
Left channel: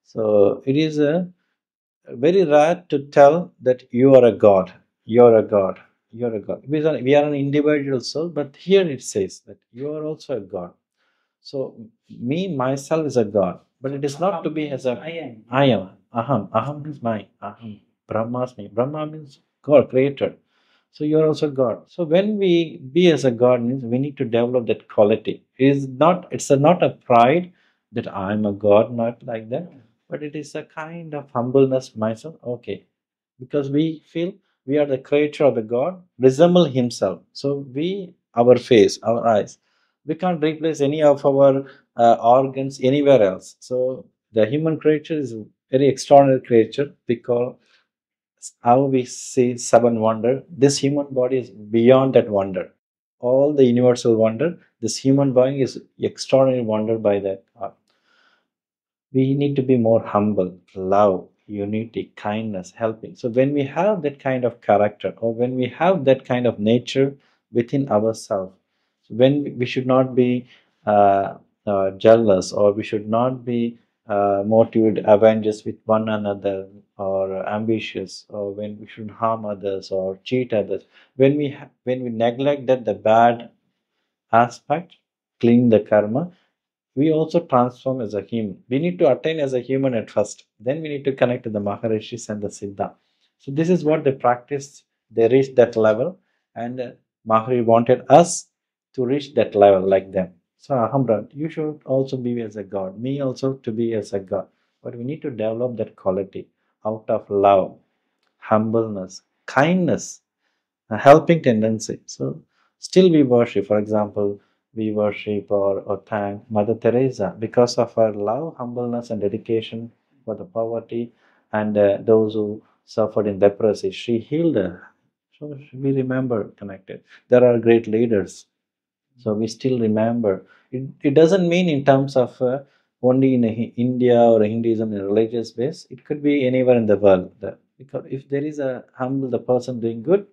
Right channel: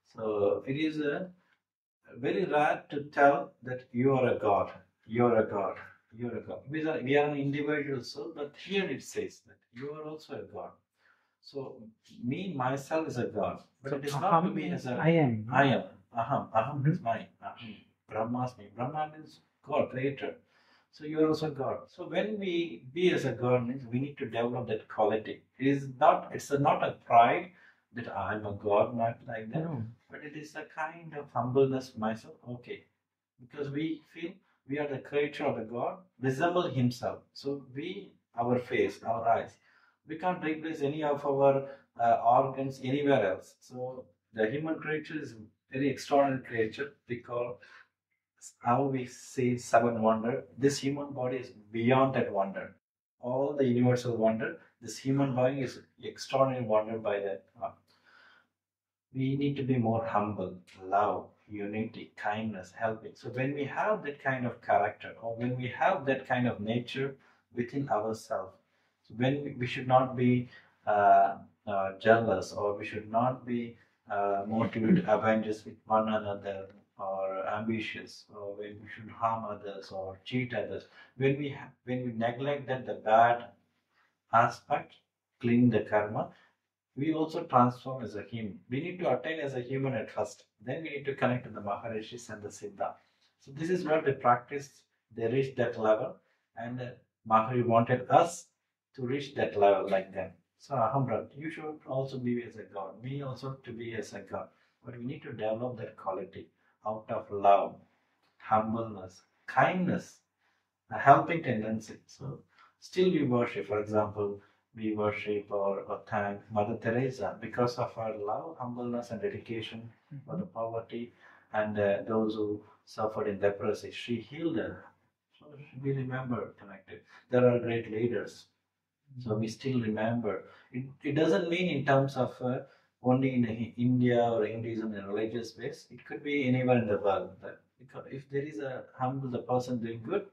So it is very rare to tell that you are a God. You're a God. You're a God. We are an individual soul, but here it says that you are also a God. So me, myself is a God, but it is not to be as a I am. I am. Aham. Aham is mine. Aham. Brahmasmi. Brahma means God, creator. So you are also God. So when we be as a God means we need to develop that quality. It's not a pride that I'm a God, not like that, No. but it is a kind of humbleness myself. Okay. Because we feel we are the creator of the God, resemble himself. So our face, our eyes, we can't replace any of our organs anywhere else. So the human creature is a very extraordinary creature because how we see seven wonder. This human body is beyond that wonder. All the universal wonder, this human body is extraordinary wonder by that. We need to be more humble, love, unity, kindness, helping. So when we have that kind of character, or when we have that kind of nature within ourselves, when we should not be jealous, or we should not be motivated, avengers with one another, or ambitious, or when we should harm others or cheat others. When we neglect that the bad aspect, clean the karma, we also transform as a human. We need to attain as a human at first. Then we need to connect to the Maharishis and the Siddha. So this is what they practiced. They reached that level, and Maharishi wanted us to reach that level like them. So Ahamra, you should also be as a God. Me also to be as a God. But we need to develop that quality out of love, humbleness, kindness, a helping tendency. So still we worship. For example, we worship or thank Mother Teresa because of her love, humbleness, and dedication for the poverty and those who suffered in leprosy. She healed her. So we remember connected. There are great leaders. So we still remember. It doesn't mean in terms of only in India or Hinduism in a religious base. It could be anywhere in the world. Because if there is a humble the person doing good,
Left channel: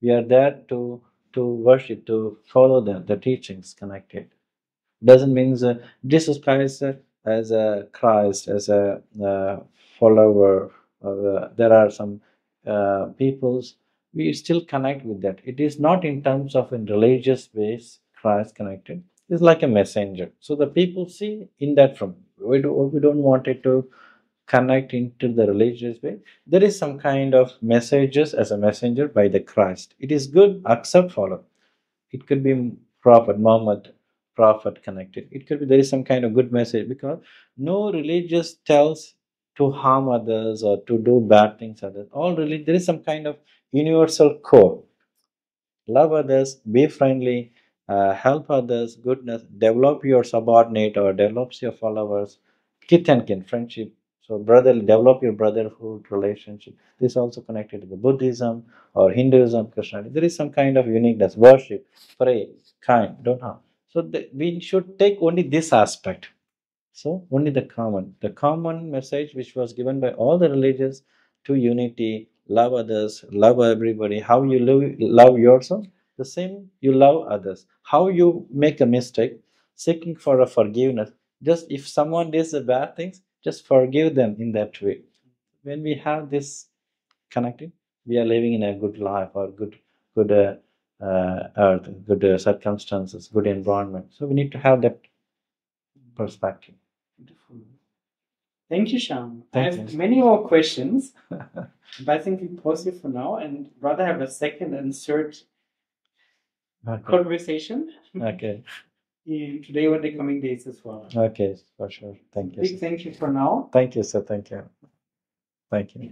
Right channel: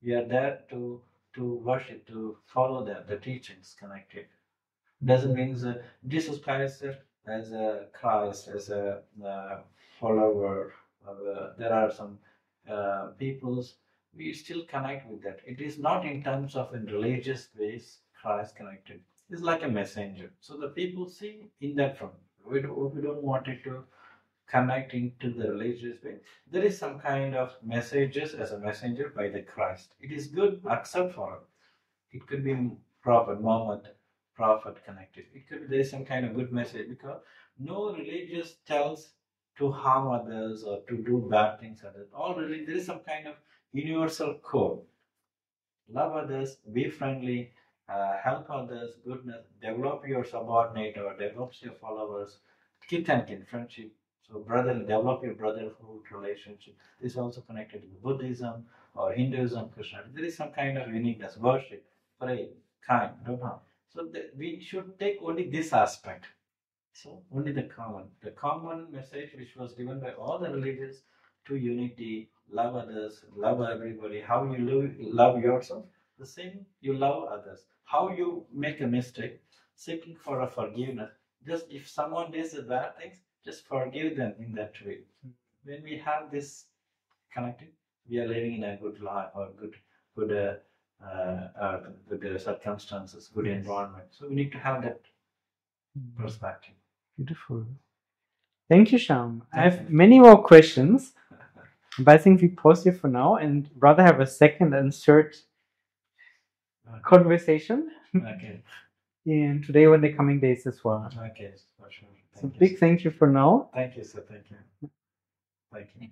we are there to worship, to follow them, the teachings connected. Doesn't mean Jesus Christ as a Christ, as a follower. There are some peoples we still connect with that. It is not in terms of in religious ways Christ connected. It's like a messenger. So the people see in that from we don't want it to connect into the religious way. There is some kind of messages as a messenger by the Christ. It is good, accept, follow. It could be Prophet Muhammad, Prophet connected. It could be there is some kind of good message because no religious tells to harm others or to do bad things others. All really there is some kind of universal code. Love others, be friendly, help others, goodness, develop your subordinate or develops your followers, kith and kin, friendship. So brother, develop your brotherhood relationship. This is also connected to the Buddhism or Hinduism, Christianity. There is some kind of uniqueness. Worship, pray, kind, don't harm. So we should take only this aspect. So only the common message which was given by all the religions to unity, love others, love everybody. How you love yourself, the same you love others. How you make a mistake, seeking for a forgiveness. Just if someone does the bad things, just forgive them in that way. When we have this connected, we are living in a good life or good earth, good circumstances, good environment. So we need to have that perspective. Beautiful. Thank you, Shyam. I Thank have you. many more questions, but I think we pause here for now and rather have a second and third conversation. Okay. And today or in the coming days as well. Okay, for sure. Thank you. Big thank you for now. Thank you, sir. Thank you. Thank you.